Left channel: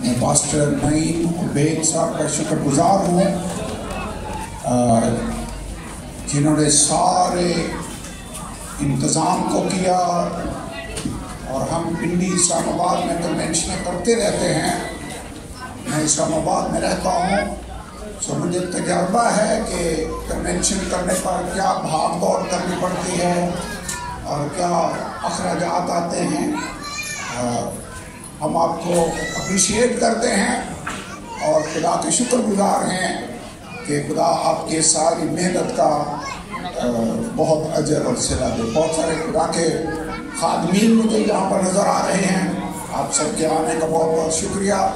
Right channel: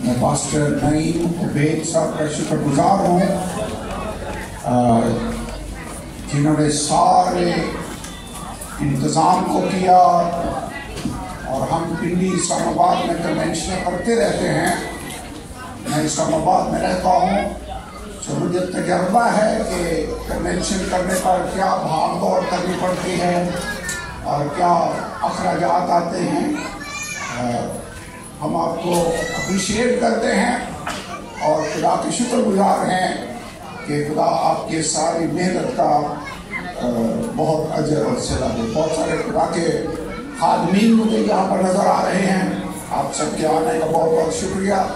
میں پاسٹر نعیم عبید صاحب کا شکر گزار ہوں جنہوں نے سارے انتظام کو کیا، اور ہم پنڈی اسلام آباد میں کنونشنیں کرتے رہتے ہیں۔ میں اسلام آباد میں رہتا ہوں، تو مجھے تجربہ ہے کہ کنونشن کرنے پر کیا بھاگ دوڑ کرنی پڑتی ہے اور کیا اخراجات آتے ہیں۔ ہم آپ کو اپریشیٹ کرتے ہیں اور خدا کے شکر گزار ہیں کہ خدا آپ کے ساری محنت کا بہت اجر اور صلہ دے۔ بہت سارے خدا کے خادمین مجھے یہاں پر نظر آ رہے ہیں، آپ سب کے آنے کا بہت بہت شکریہ۔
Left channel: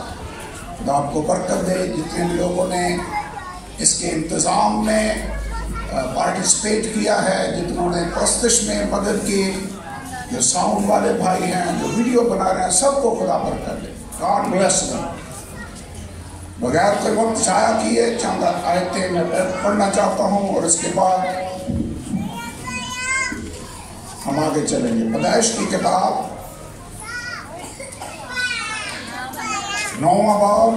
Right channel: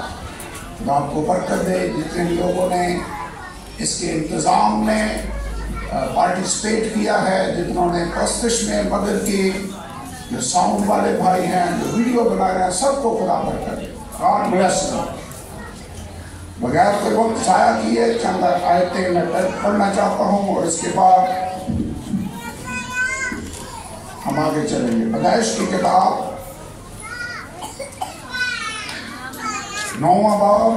خدا آپ کو برکت دے۔ جتنے بھی لوگوں نے اس کے انتظام میں پارٹیسپیٹ کیا ہے، جتنوں نے پرستش میں مدد کی، جو ساؤنڈ والے بھائی ہیں، جو ویڈیو بنا رہے ہیں، سب کو خدا برکت دے۔ God bless you. بغیر کوئی وقت ضائع کیے چند آیتیں میں پڑھنا چاہتا ہوں اور اس کے بعد ہم آگے چلیں گے۔ پیدائش کی کتاب 9واں باب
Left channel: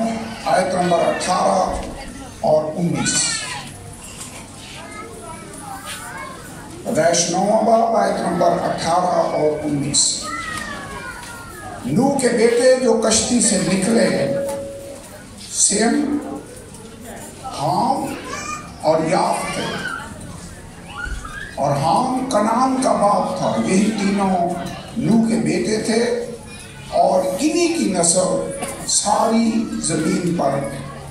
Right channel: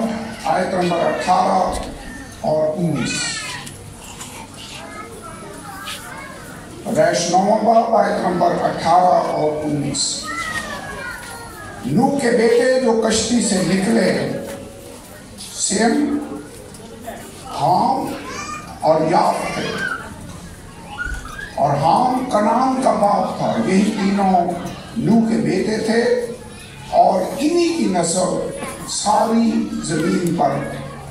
آیت نمبر 18 اور 19۔ پیدائش 9واں باب آیت نمبر 18 اور 19۔ نوح کے بیٹے جو کشتی سے نکلے سیم، حام اور یافت تھے، اور حام کنعان کا باپ تھا۔ یہی تینوں نوح کے بیٹے تھے، اور انہی کی نسل ساری زمین پر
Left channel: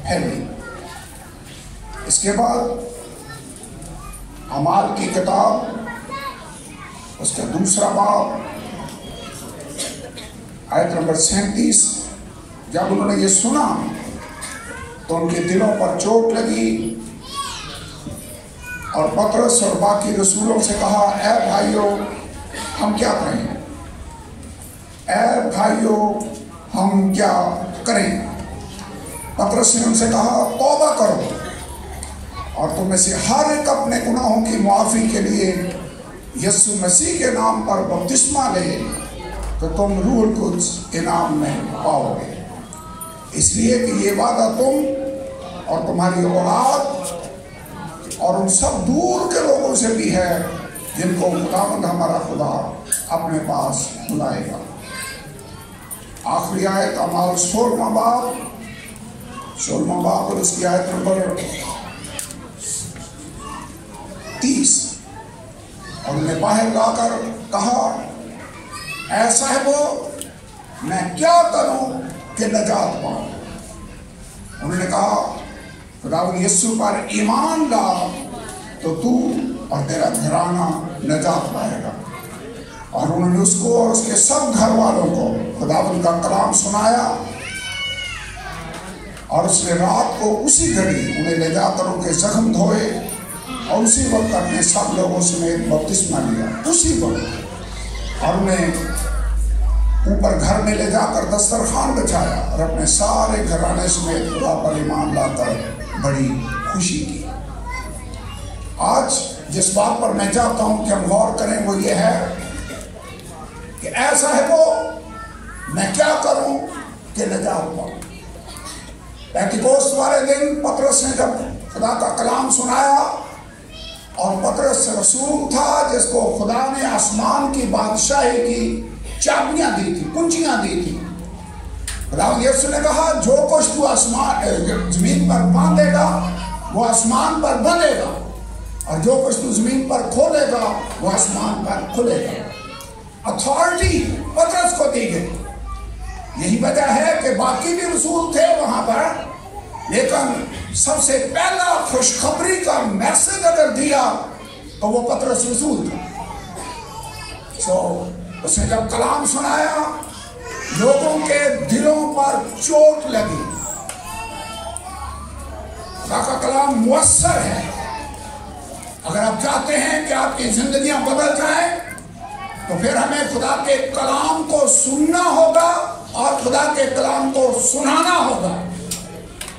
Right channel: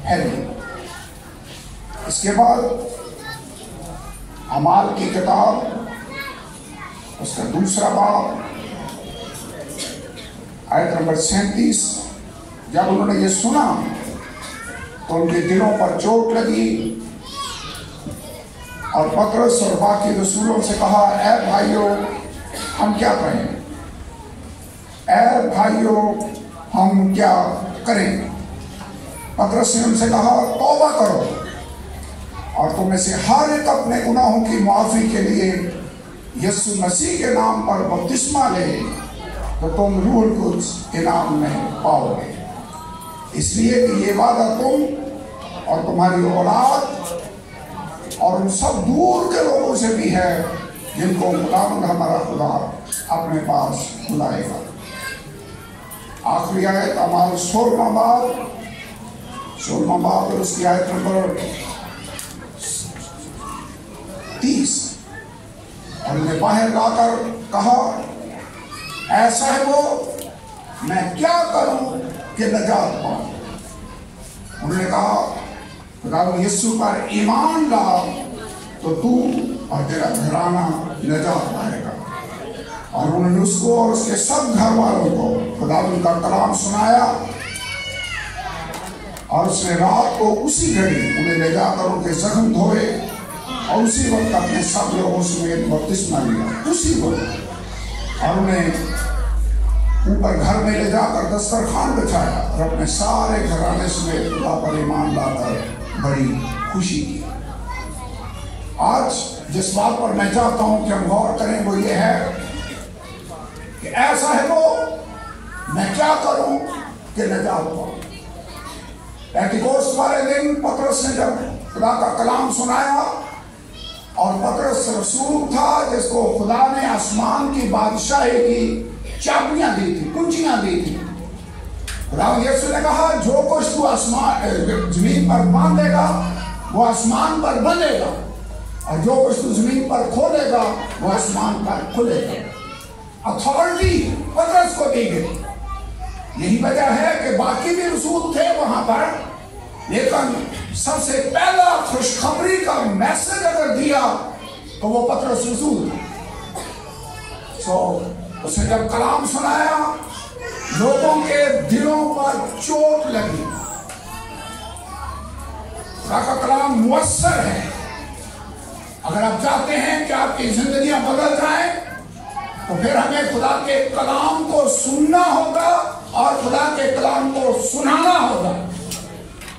پھیلی۔ اس کے بعد اعمال کی کتاب اس کا 2واں باب آیت نمبر 37۔ جب انہوں نے یہ سنا تو ان کے دلوں پر چوٹ لگی، اور پطرس اور باقی رسولوں سے کہا، اے بھائیو ہم کیا کریں؟ اے بھائیو ہم کیا کریں؟ پطرس نے ان سے کہا، توبہ کرو اور تم میں سے ہر ایک اپنے گناہوں کی معافی کے لیے یسوع مسیح کے نام پر بپتسمہ لے، تو تم روح القدس انعام میں پاؤ گے۔ اس لیے کہ یہ وعدہ تم اور تمہاری اولاد اور ان سب دور کے لوگوں سے بھی ہے جن کو خداوند ہمارا خدا اپنے پاس بلائے گا۔ آخری آیت اعمال 16واں باب اور اس کی آیت نمبر 30۔ اور انہیں باہر لا کر کہا، اے صاحبو میں کیا کروں کہ نجات پاؤں؟ انہوں نے کہا، خداوند یسوع پر ایمان لا تو تو اور تیرا گھرانہ نجات پائے گا۔ اور انہوں نے اس کو اور اس کے سب گھر والوں کو خداوند کا کلام سنایا، اور اس نے رات کو اسی گھڑی انہیں لے جا کر ان کے زخم دھوئے، اور اسی وقت اپنے سب لوگوں سمیت بپتسمہ لیا اسی وقت، اور انہیں اوپر گھر میں لے جا کر دسترخوان بچھایا، اور اپنے سارے گھرانے سمیت خدا پر ایمان لا کر بڑی خوشی کی۔ آج جس بات پر میں چاہتا ہوں کہ ہم غور کریں وہ یہ ہے کہ اے صاحبو میں کیا کروں کہ نجات پاؤں۔ پینتیکوست والے دن پطرس نے جب خدا کا کلام سنایا، اور پطرس رسول تھا جس کو خدا نے آسمان کی بادشاہی کی چابیاں دی تھی، کنچیاں دی تھی۔ خدا یسوع نے کہا، جو کچھ تو زمین پر باندھے گا وہ آسمان پر بندھے گا، اور جو کچھ تو زمین پر کھولے گا وہ آسمان پر کھلے گا۔ اتھارٹی پطرس کو دی گئی۔ یہی وجہ ہے کہ باقی بھی رسول تھے وہاں پر، لیکن سب سے پہلا خوشخبری کا میسج اگر دیا تو وہ پطرس رسول تھا۔ اس نے جب کلام سنایا، لوگوں کے دلوں پر چوٹ لگی۔ خدا کا کلام مؤثر ہے۔ اگر آپ چاہتے ہیں کہ آپ کی زندگیاں بدل جائیں تو پھر ہمیں خدا کے کلام کو سننا ہوگا اور خدا کے کلام کو سنانا ہوگا۔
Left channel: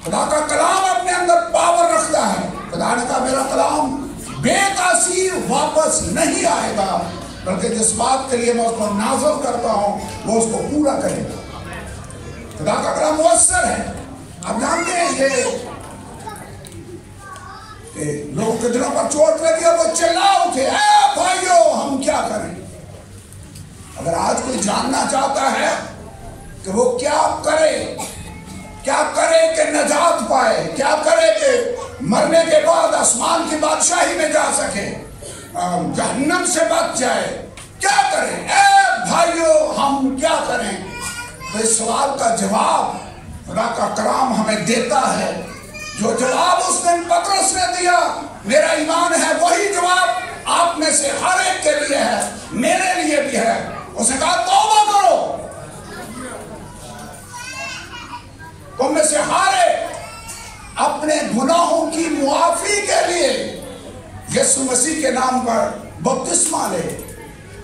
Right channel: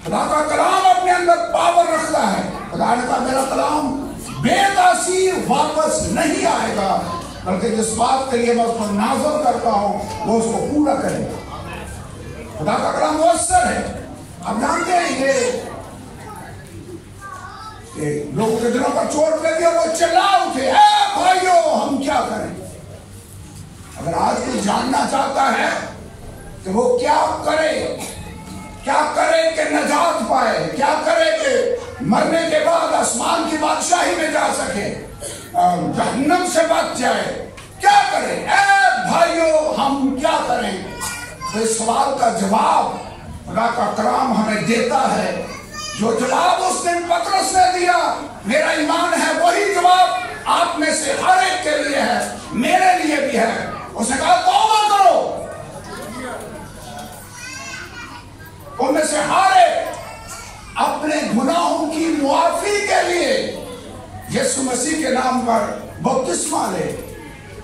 خدا کا کلام اپنے اندر پاور رکھتا ہے۔ خدا نے کہا، میرا کلام بے تاثیر واپس نہیں آئے گا، بلکہ جس بات کے لیے میں اس پر نازل کرتا ہوں وہ اس کو پورا کرے گا۔ خدا کا کلام مؤثر अब जानते हैं ये कि लोगों के दिलों पर चोट लगी और वो चिल्ला उठे, भाइयों हम क्या करें? अगर आज कोई जानना चाहता है तो वो क्या करे कि नजात पाए, क्या करे कि मरने के बाद आसमान की बादशाही में जा सके, जहन्नम से बच जाए, क्या करें? भाइयों हम क्या करें? तो इस सवाल का जवाब खुदा का कलाम हमें देता है। जो जवाब उस दिन पतरस ने दिया, मेरा ईमान है वही जवाब आप में से हर एक के लिए है, मेरे लिए भी है। उसने कहा तौबा करो। तुम में से हर एक अपने गुनाहों की मुआफी के लिए यीशु मसीह के नाम पर बपतिस्मा ले,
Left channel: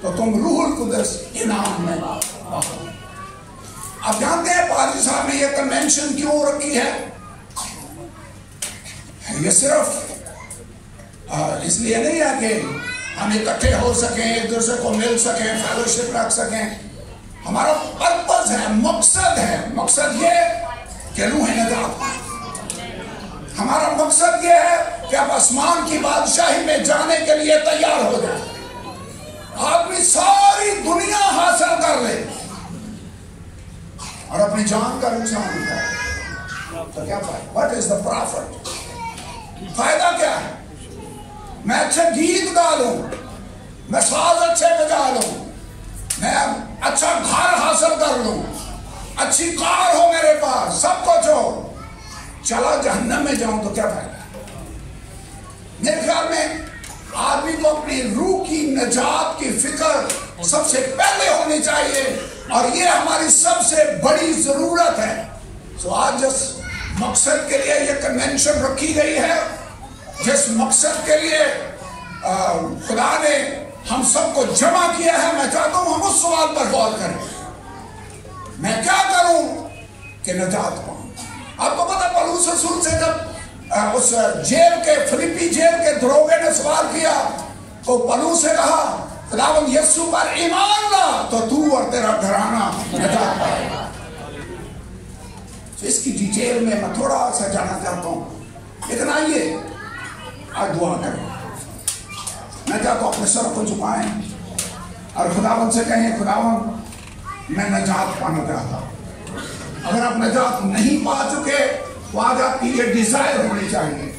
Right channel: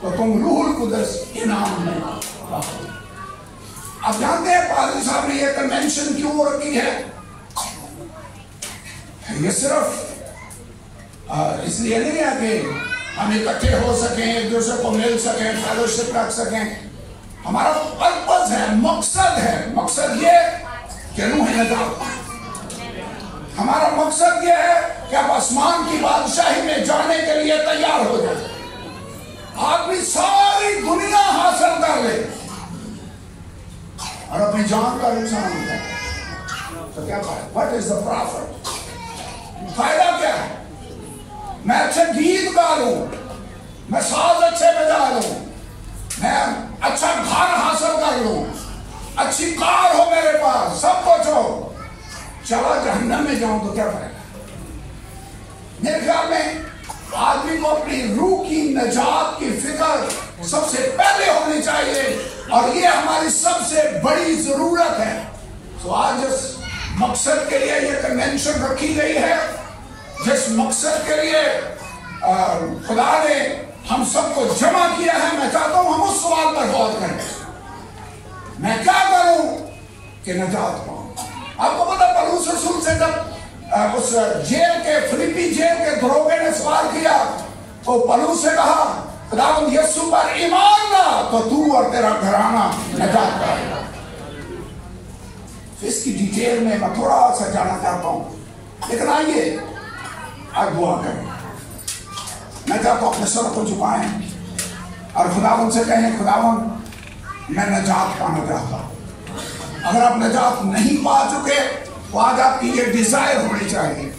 तो तुम रूहुल कुदस इनाम में आओ। अब जानते हैं पादरी साहब ने यह कन्वेंशन क्यों रखी है? ये सिर्फ इसलिए नहीं है कि हम इकट्ठे हो सकें, एक दूसरे को मिल सकें, फेलोशिप रख सकें। हमारा पर्पस है, मकसद है। मकसद ये कि रूह नजात। हमारा मकसद ये है कि आप आसमान की बादशाही में जाने के लिए तैयार हो जाए। आदमी सारी दुनिया हासिल कर ले और अपनी जान का नुकसान होता है, तो क्या फायदा? What is the profit? फायदा क्या है? मैं अच्छे गीत गा लूं, मैं साज अच्छे बजा लूं, मैं अच्छा घर हासिल कर लूं, अच्छी कार हो मेरे पास, सब कुछ हो, चला जहन्नम में जाऊं तो क्या फायदा? मेरे ख्याल में आदमी को अपनी रूह की नजात की फिक्र सबसे पहले होनी चाहिए, और ये हमारी सबसे बड़ी जरूरत है। तो आज जिस मकसद के लिए ये कन्वेंशन रखी गई है, जिस मकसद के लिए खुदा ने हम सबको जमा किया है, मैं चाहता हूं हम उस सवाल पर गौर करें। मैं क्या करूं कि नजात पाऊं? आपको पता पौलुस रसूल से जब उस जेल के फिलिप्पी जेल के दरोगे ने सवाल किया, तो पौलुस से कहा खुदावंद यीशु पर ईमान ला तो तू और तेरा घराना नजात पाएगा। तो इसकी डिटेल में मैं थोड़ा सा जाना चाहता हूं, लेकिन आइए आज दुआ करें। मैं चाहता हूं अपने सर को झुकाएं और खुदावंद से कहें, खुदावंद मैं नजात पाना चाहता हूं। अगर आप नजात नहीं पा चुके तो आज आपकी ये डिजायर होनी चाहिए।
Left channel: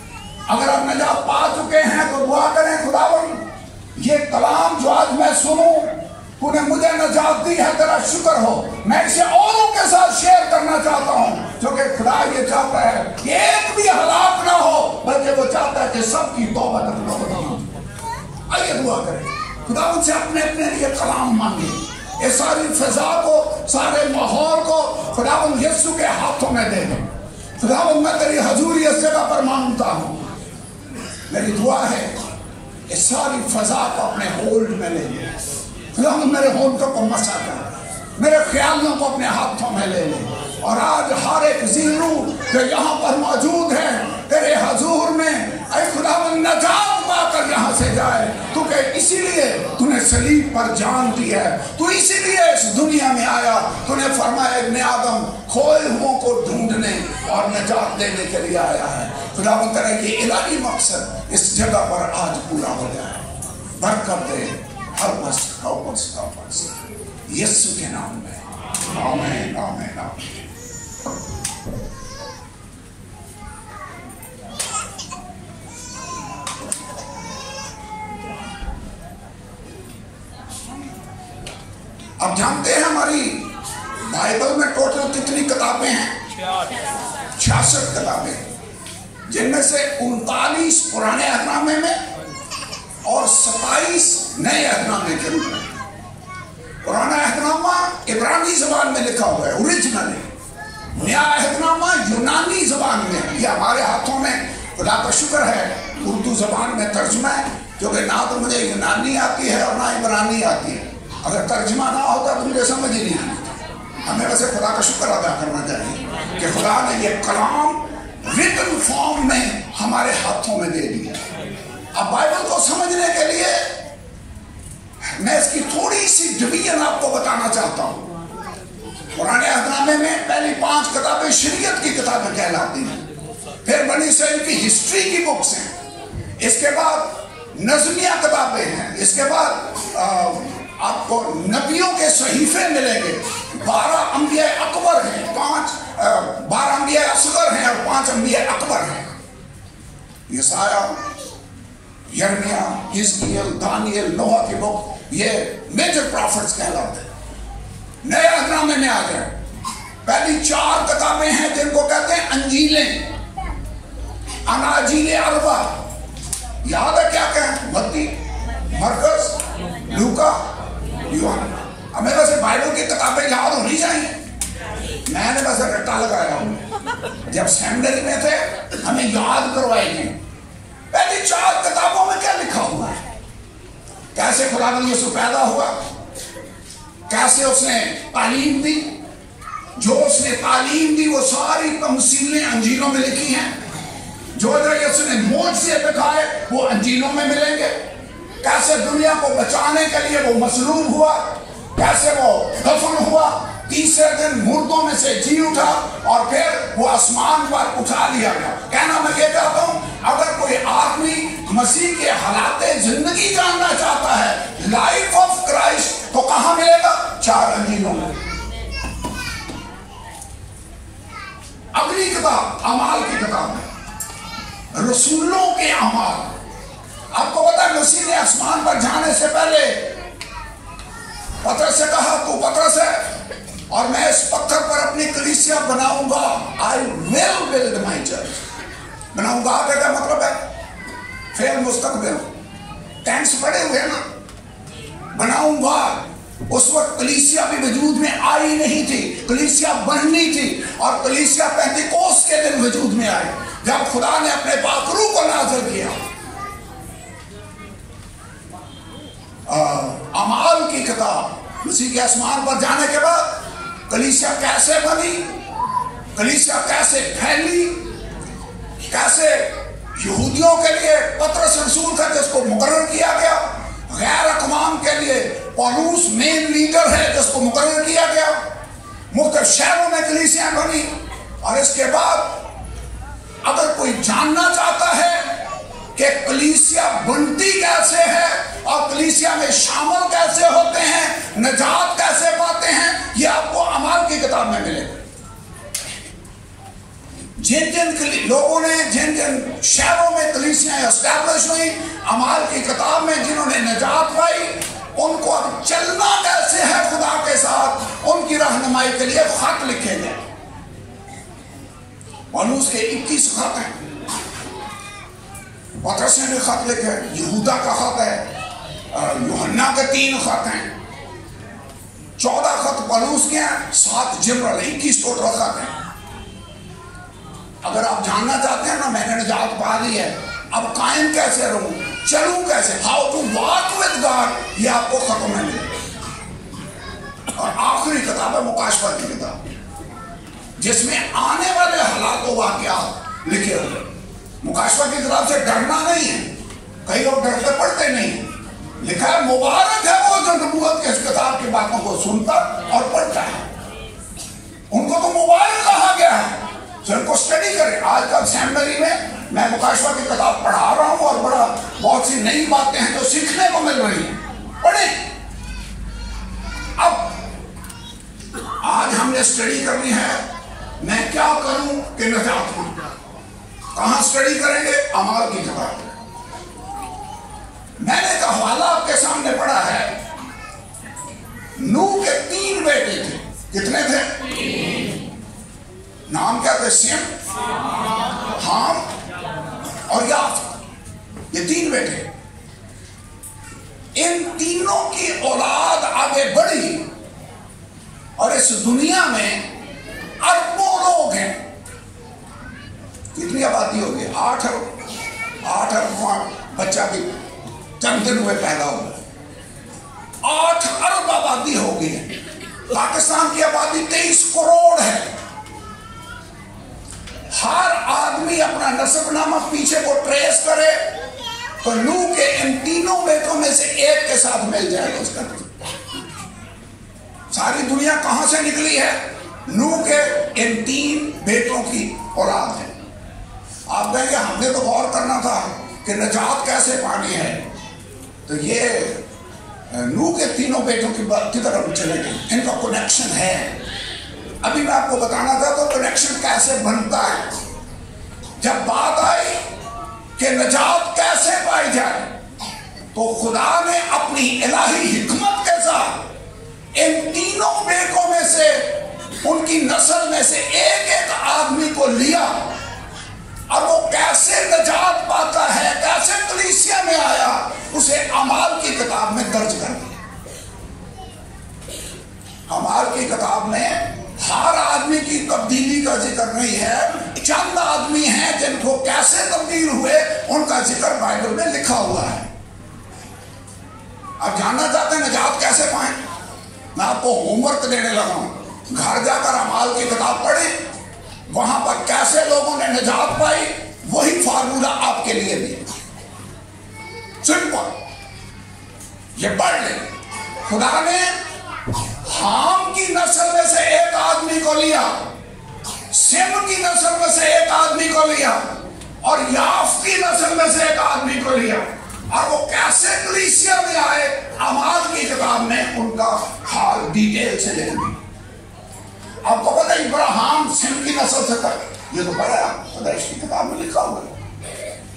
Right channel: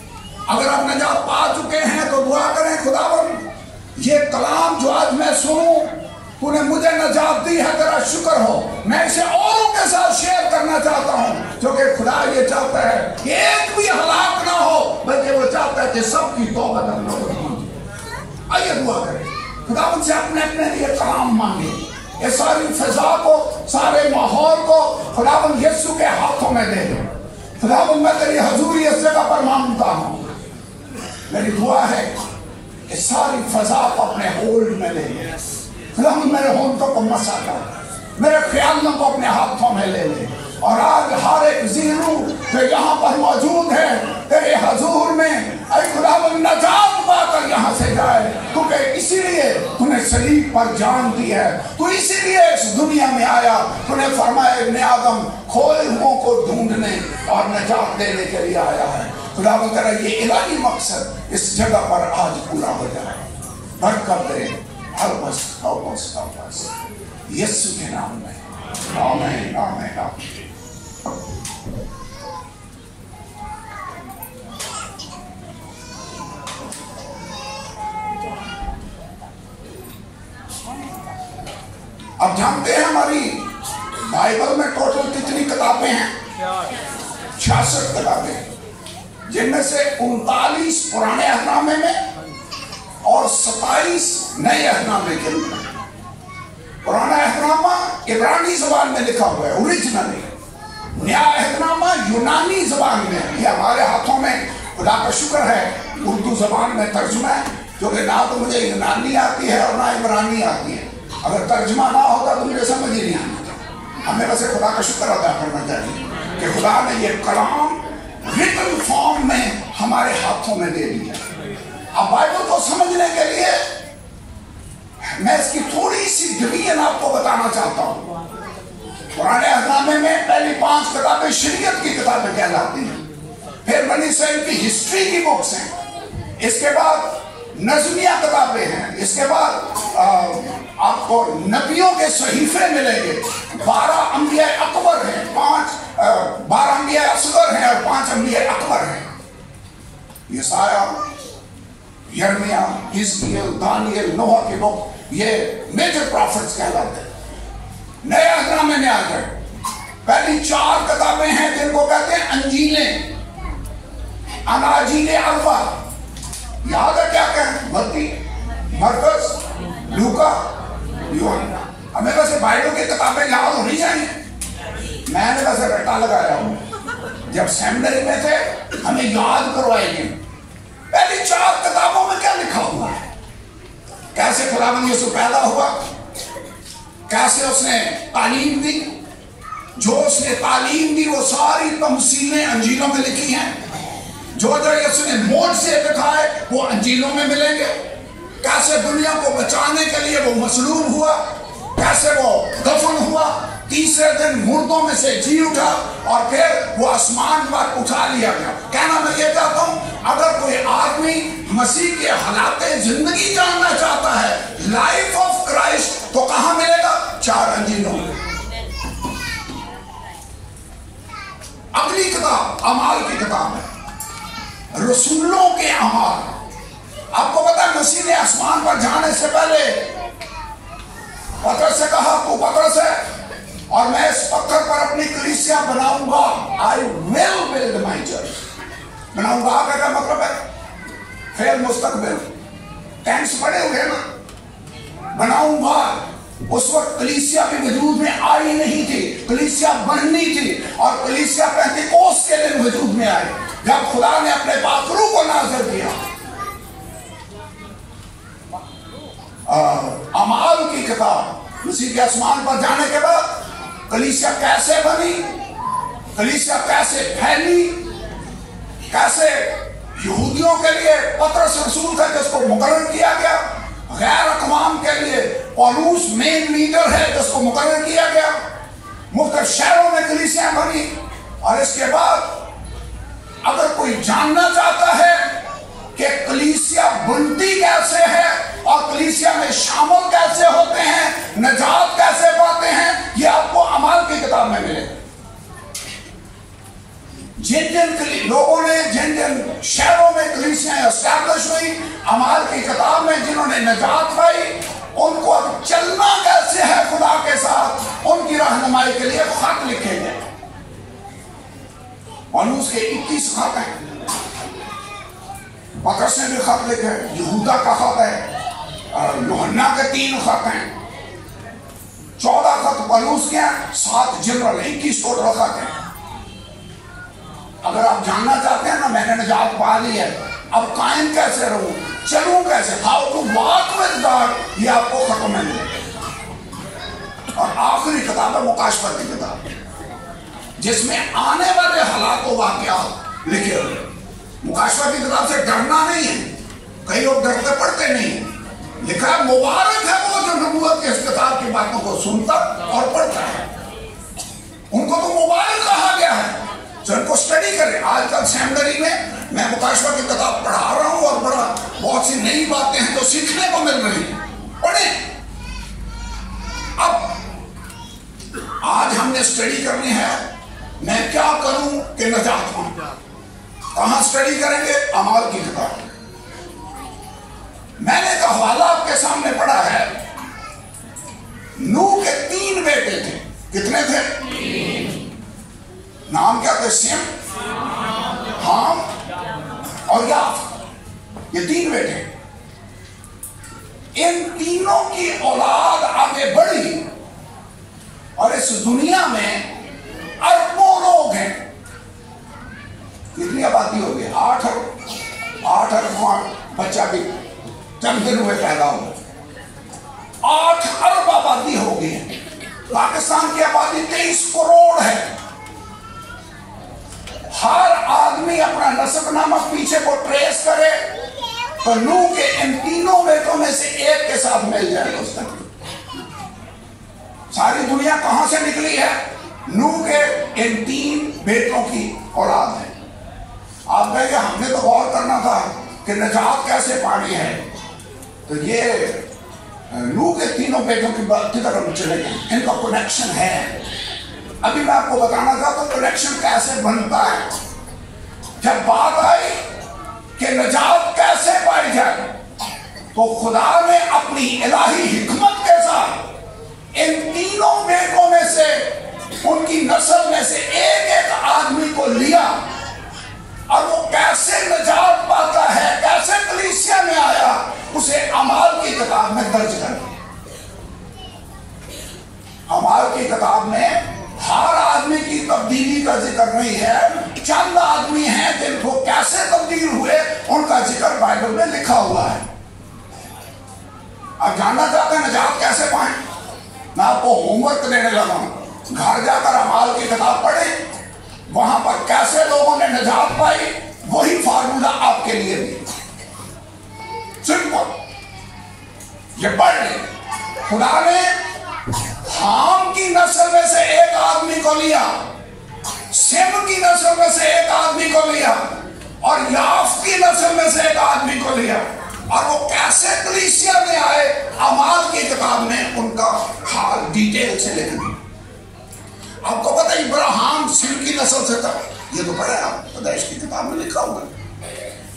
अगर आप नजात पा चुके हैं तो दुआ करें, खुदावंद ये कलाम जो आज मैं सुनूं, तूने मुझे नजात दी है, तेरा शुक्र हो। मैं इसे औरों के साथ शेयर करना चाहता हूं, क्योंकि खुदा ये चाहता है कि एक भी हलाक ना हो, बल्कि वो चाहता है कि सबकी तौबा तक न हो। आइए दुआ करें, खुदा उनसे अपने अपने लिए कलाम मांगे। ये सारी फिजा को, सारे माहौल को खुदा यीशु के हाथों में दे दे। खुदा मैं तेरी हजूरी इस जगह पर मांगता हूं। मेरी दुआ है कि सारी फिजा को अपने होल्ड में ले ले। खुदा मेरे होंठों को मसा कर, मेरे ख्यालों को अपने हाथों में ले ले, और आज हर एक जीरू जो यहाँ पर मौजूद है तेरे हजूर में खुदावंद नजात पाकर यहाँ से जाए, क्योंकि इसीलिए तूने सलीब पर जान दी है। तू इसीलिए इस दुनिया में आया। तूने फरमाया इब्ने आदम खोए हुओं को ढूंढने और नजात देने के लिए आया है। खुदावंद तेरा ये इलाही मकसद इस जगह पर आज पूरा हो जाए। बरकत दे, help us यीशु के नाम में, आमीन आमीन आमीन। अब जानते हैं हमारी बाइबल में टोटल कितनी किताबें हैं? 66 किताबें, जिनमें से 39 पुराने अहदनामे में और 27 नए अहदनामे के अंदर। पुराना अहदनामा इब्रानी जबान में लिखा हुआ है ओरिजिनली, नया अहदनामा यूनानी जबान में। ये हमारे हाथों में खुदा का शुक्र है उर्दू जबान में तर्जुमा है, क्योंकि ना तो मुझे यूनानी आती है और ना इब्रानी आती है। अगर तर्जुमा ना होता तो मुझे समझ ही नहीं आता। हमें वैसे खुदा का शुक्र अदा करना चाहिए कि खुदा ने ये कलाम रिटन फॉर्म में हमारे हाथों में दे दिया। अब बाइबल को समझने के लिए मैं इसकी थोड़ी सी डिवीजन आपको बताना चाहता हूं पुराने अहदनामे में पहली 5 किताबें शरीयत की किताबें कहलाती हैं, फिर बनी इसराइल की हिस्ट्री की बुक्स हैं, इसके बाद नज़मिया किताबें हैं, इसके बाद आपको नबियों के सहीफे मिलेंगे, 12 अंबिया अकबर हैं, 12 अंबिया असगर हैं और 5 अंबिया अकबर हैं। यसाया, यर्मिया, हिजकियेल, दानियल, नूह की बुक, ये मेजर प्रॉफिट्स कहलाते हैं। नए अहदनामे में आते हैं, पहली 4 किताबें हैं जिनको कहते हैं अंजीलें, अनाजीले अरबा। याद है क्या कहें? मत्ती, मरकस, लूका, यूहन्ना। हमें वैसे बाइबल की किताबें याद होनी चाहिए। मैंने वैसे रट्टा लगाया हूं, जब सेमिनरी में थे हमें याद करवाएंगे पहली 4 किताबों में क्या लिखा हुआ है, कैसे खुदावंद यूसुफ पैदा हुआ, कैसे उसने तालीम दी, जो उसने तालीम दी वो सारी तमसीलें अंजीलों में लिखी हैं, जो उसने मोज़े दिखाए वो अंजीलों में मिलेंगे, कैसे दुनिया को बचाने के लिए वो मसलूब हुआ, कैसे वो दफन हुआ, तीसरे दिन मुर्दों में से जी उठा और फिर वो आसमान पर उठा लिया गया। कहना मैं ये चाहता हूं, अगर कोई आदमी मसीह के हालाते जिंदगी जानना चाहता है, लाइफ ऑफ क्राइस्ट, तो कहां मिलेगा? 4 अंजीलों में। अगली किताब अमाल की किताब है, रसूलों के अमाल। आपको पता है मसीह ने आसमान पर जाने से पहले पतरस से कहा, तो पतरस है और मैं इस पत्थर पर अपनी कलीसिया बनाऊंगा, I will build my church. बनाऊंगा का मतलब है फिर मुस्तकबिल, टेंस पड़े हुए ना, बनाऊंगा। उस वक्त कलीसिया भी वजूद में आई नहीं थी, कलीसिया बननी थी, और कलीसिया पेंतिकोस्त के दिन वजूद में आए जब खुदा ने अपने पाक रूह को नाज़िल किया। अमाल की किताब, मसीह के आसमान पर जाने के बाद कलीसिया कैसे बनी, कलीसिया कैसे फैली, कैसे यहूदियों के लिए पतरस रसूल का जिसको मुकर्रर किया गया, गैर अक़वाम के लिए पौलुस मेन लीडर है जिसको मुकर्रर किया गया, मुख्तलिफ शहरों में कलीसिया बनी। और इसके बाद अगर कोई जानना चाहता है कि कलीसिया बनती कैसे है और कलीसिया में शामिल कैसे होते हैं, निजात कैसे पाते हैं, ये आपको अमाल की किताब में मिलेगा। जिन जिन लोगों ने जिन जिन शहरों में कलीसियां एस्टैब्लिश हुई, अमाल की किताब में जिन्होंने निजात पाई, उनको अब चलना कैसे है खुदा के साथ, उनकी रहनुमाई के लिए खत लिखे गए। पौलुस के 21 खत हैं, पतरस ने भी खत लिखे, यहूदा का खत है, यूहन्ना के 3 खत हैं, 14 खत पौलुस के, 7 जनरल, 21 टोटल खत हैं। अगर आप जानना चाहते हैं ना, मैंने निजात पा ली है, अब कायम कैसे रहूं, चलूं कैसे, how to walk with God, ये आपको खत्म में मिलेगा। और आखिरी किताब है मुकाशफा की किताब, जिसमें आने वाले हालात व वाक़यात लिखे हुए। मुकाशफा की किताब से डरना नहीं है, कई लोग डरते पढ़ते नहीं। लिखा है मुबारक है वो जो नबूवत के इस किताब की बातों को सुनता और पढ़ता है, उनको तो मुबारक कहा गया है। तो इनको स्टडी करें। आजकल सेमिनरी में मैं मुकाशफा की किताब पढ़ा रहा हूं और बहुत सी नई बातें हैं जो सीखने को मिल रही हैं, पढ़ें। अब आज हमने स्टडी करनी है, मैं क्या करूं कि निजात पाऊं। कहां स्टडी करेंगे? अमाल की किताब। मैंने तो हवाला आपके सामने पढ़ा है, नूह के 3 बेटे थे। कितने थे? नाम क्या थे? सिम, हाम और याफ, ये 3 बेटे। इन तीनों की औलाद आगे बढ़ी और इस दुनिया में अरबों लोग हैं। कितनी आबादी होगी? 8 अरब बच्चा भी चंद दिन में पैदा हो, 8 अरब आबादी होगी। पाकिस्तान की आबादी 23 करोड़ है। हर आदमी अपना नस्बनामा पीछे को ट्रेस करे तो नूह के इन तीनों बेटों में से एक के साथ मिल जाएगा उसका। सारी दुनिया कहां से निकली है? नूह के इन 3 बेटों की औलाद है। आप कहेंगे हमने तो गौर करना था कि निजात कैसे पानी है, तो ये नूह के 3 बेटों की बात की तरफ चले गए, इनका कनेक्शन है। अभी मैं आपको बताना था तो कनेक्शन कैसे बनता है। जब बात आई कि निजात कैसे पाई जाए, तो खुदा ने अपनी इलाही हिकमत के साथ इन 3 बेटों में से, उनकी नस्ल में से एक आदमी को लिया, और वो कैसे निजात पाता है, कैसे कलीसिया में आया, उसे अमाल की किताब में दर्ज कर दिया। अमाल की किताब में हर आदमी की तब्दीली का जिक्र नहीं है, चंद आदमी हैं जिनको कैसे तब्दील हुए उनका जिक्र बाइबल में लिखा हुआ है। अब जानना चाहते हैं निजात कैसे पाएं? मैं आपको होमवर्क देने लगा हूं, घर जाकर अमाल की किताब पढ़ें, वहां पर कैसे लोगों ने निजात पाई, वही फार्मूला आपके लिए भी सिंपल। ये पढ़ ले, खुदा ने हाम की नस्ल में से एक आदमी को लिया, सिम की नस्ल में से एक आदमी को लिया, और याफ की नस्ल में से एक आदमी को लिया, और वो कैसे कलीसिया में आए, अमाल की किताब में उनका हाल डिटेल से लिख दिया। आपको पता है इब्राहिम सिम की नस्ल से था, ये तो पढ़ा पैदाइश की किताब में लिखा हुआ है।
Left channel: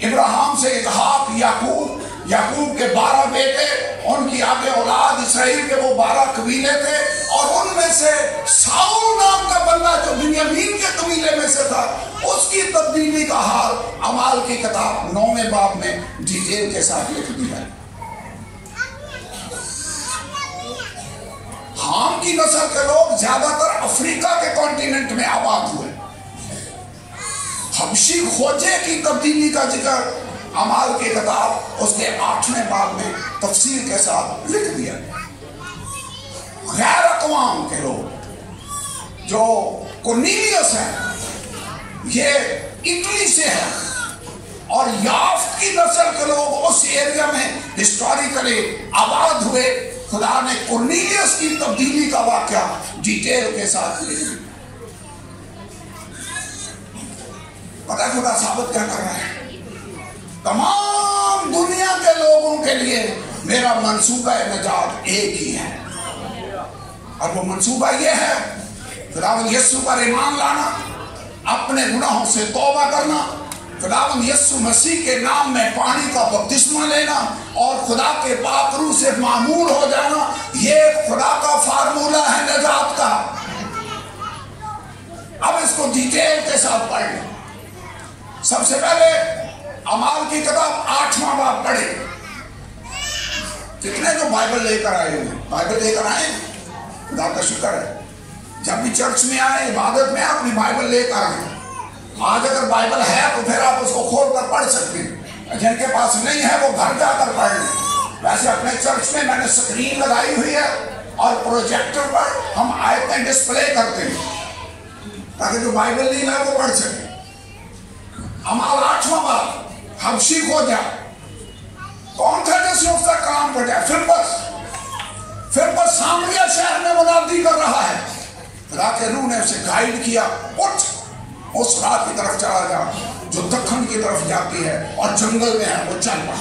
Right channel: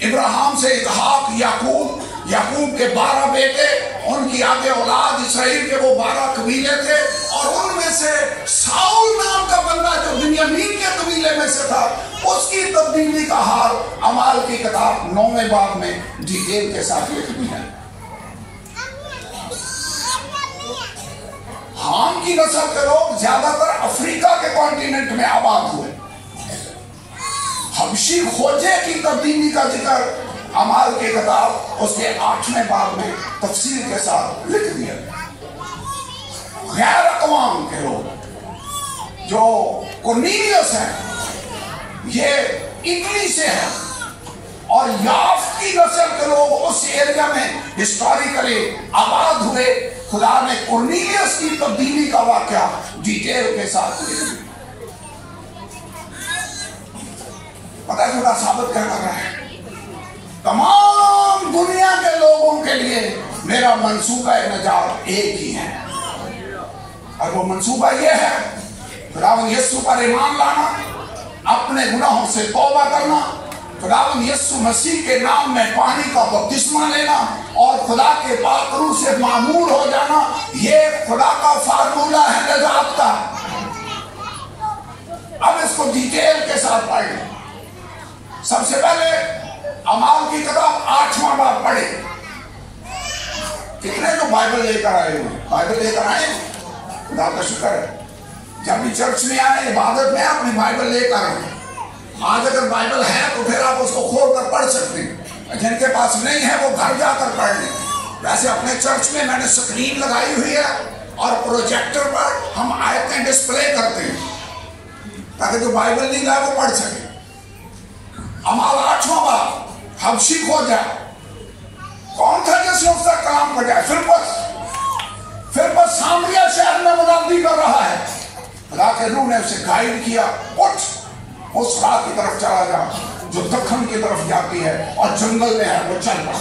इब्राहिम से इसहाक, याकूब, याकूब के 12 बेटे, उनकी आगे औलाद इसराइल के वो 12 कबीले थे, और उनमें से साउल नाम का बंदा जो बिन्यामीन के कबीले में से था, उसकी तब्दीली का हाल अमाल की किताब 9वें बाब में डिटेल के साथ लिख दिया है। हाम की नस्ल के लोग ज्यादातर अफ्रीका के कॉन्टिनेंट में आबाद हुए। हबशी खोजे की तब्दीली का जिक्र अमाल की किताब उसके 8वें बाब में तफसील के साथ लिख दिया। गैर अक़वाम के लोग जो कोर्नेलियस हैं, ये इटली से है, और याफ की नस्ल के लोग उस एरिया में हिस्टोरिकली आबाद हुए। खुदा ने कोर्नेलियस की तब्दीली का वाक़या डिटेल के साथ लिख दिया। पता है खुदा साबित क्या कर रहा है? तमाम दुनिया के लोगों के लिए मेरा मंसूबा निजात एक ही है, और वो मंसूबा ये है खुदावंद यीशु पर ईमान लाना, अपने गुनाहों से तौबा करना, खुदावंद यीशु मसीह के नाम में पानी का बपतिस्मा लेना, और खुदा के पाक रूह से मामूल हो जाना। ये खुदा का फार्मूला है निजात का। अब इसको डिटेल के साथ पढ़ें। सबसे पहले अमाल की किताब 8वां बाब पढ़े। कितने लोग बाइबल लेकर आए हुए? बाइबल लेकर आए, खुदा का शुक्र है। जब भी चर्च में आए, इबादत में अपनी बाइबल लेकर आए। आज अगर बाइबल है तो फिर आप उसको खोल कर पढ़ सकते हैं, जिनके पास नहीं है वो घर जाकर पढ़ लें। वैसे अपने चर्च में मैंने स्क्रीन लगाई हुई है, और प्रोजेक्टर पर हम आयतें डिस्प्ले करते हैं, ताकि जो बाइबल नहीं लाए वो पढ़ सके। अमाल 8वां बाब, हबशी खोजा। कौन था जिसने उसका कलाम खोजा? फिर बस सामरिया शहर में मुनादी कर रहा है। खुदा के रूह ने उसे गाइड किया, उठ उस राह की तरफ चला जा जो दक्षिण की तरफ जाती है, और जंगल में है वो चल रहा।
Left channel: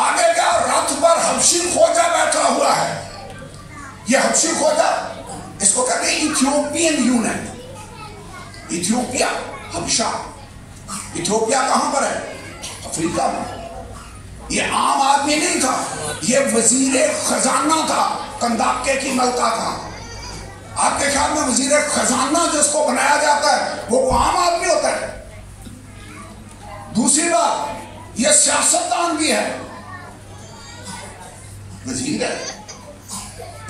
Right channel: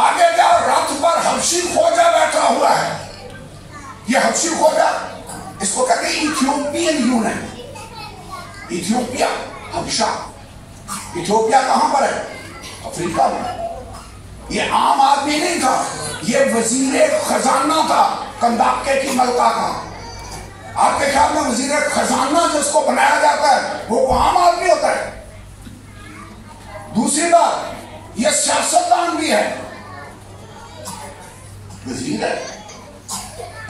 आगे क्या? रथ पर हबशी खोजा बैठा हुआ है। ये हबशी खोजा, इसको कहते हैं इथियोपियन यूनियन। इथियोपिया, हबशा। इथियोपिया कहां पर है? अफ्रीका में। ये आम आदमी नहीं था, ये वजीर खजाना था, कंदाके की मलका था। आपके ख्याल में वजीर खजाना जिसको बनाया जाता है वो आम आदमी होता है? दूसरी बात, ये सियासतदान भी है, वजीर है।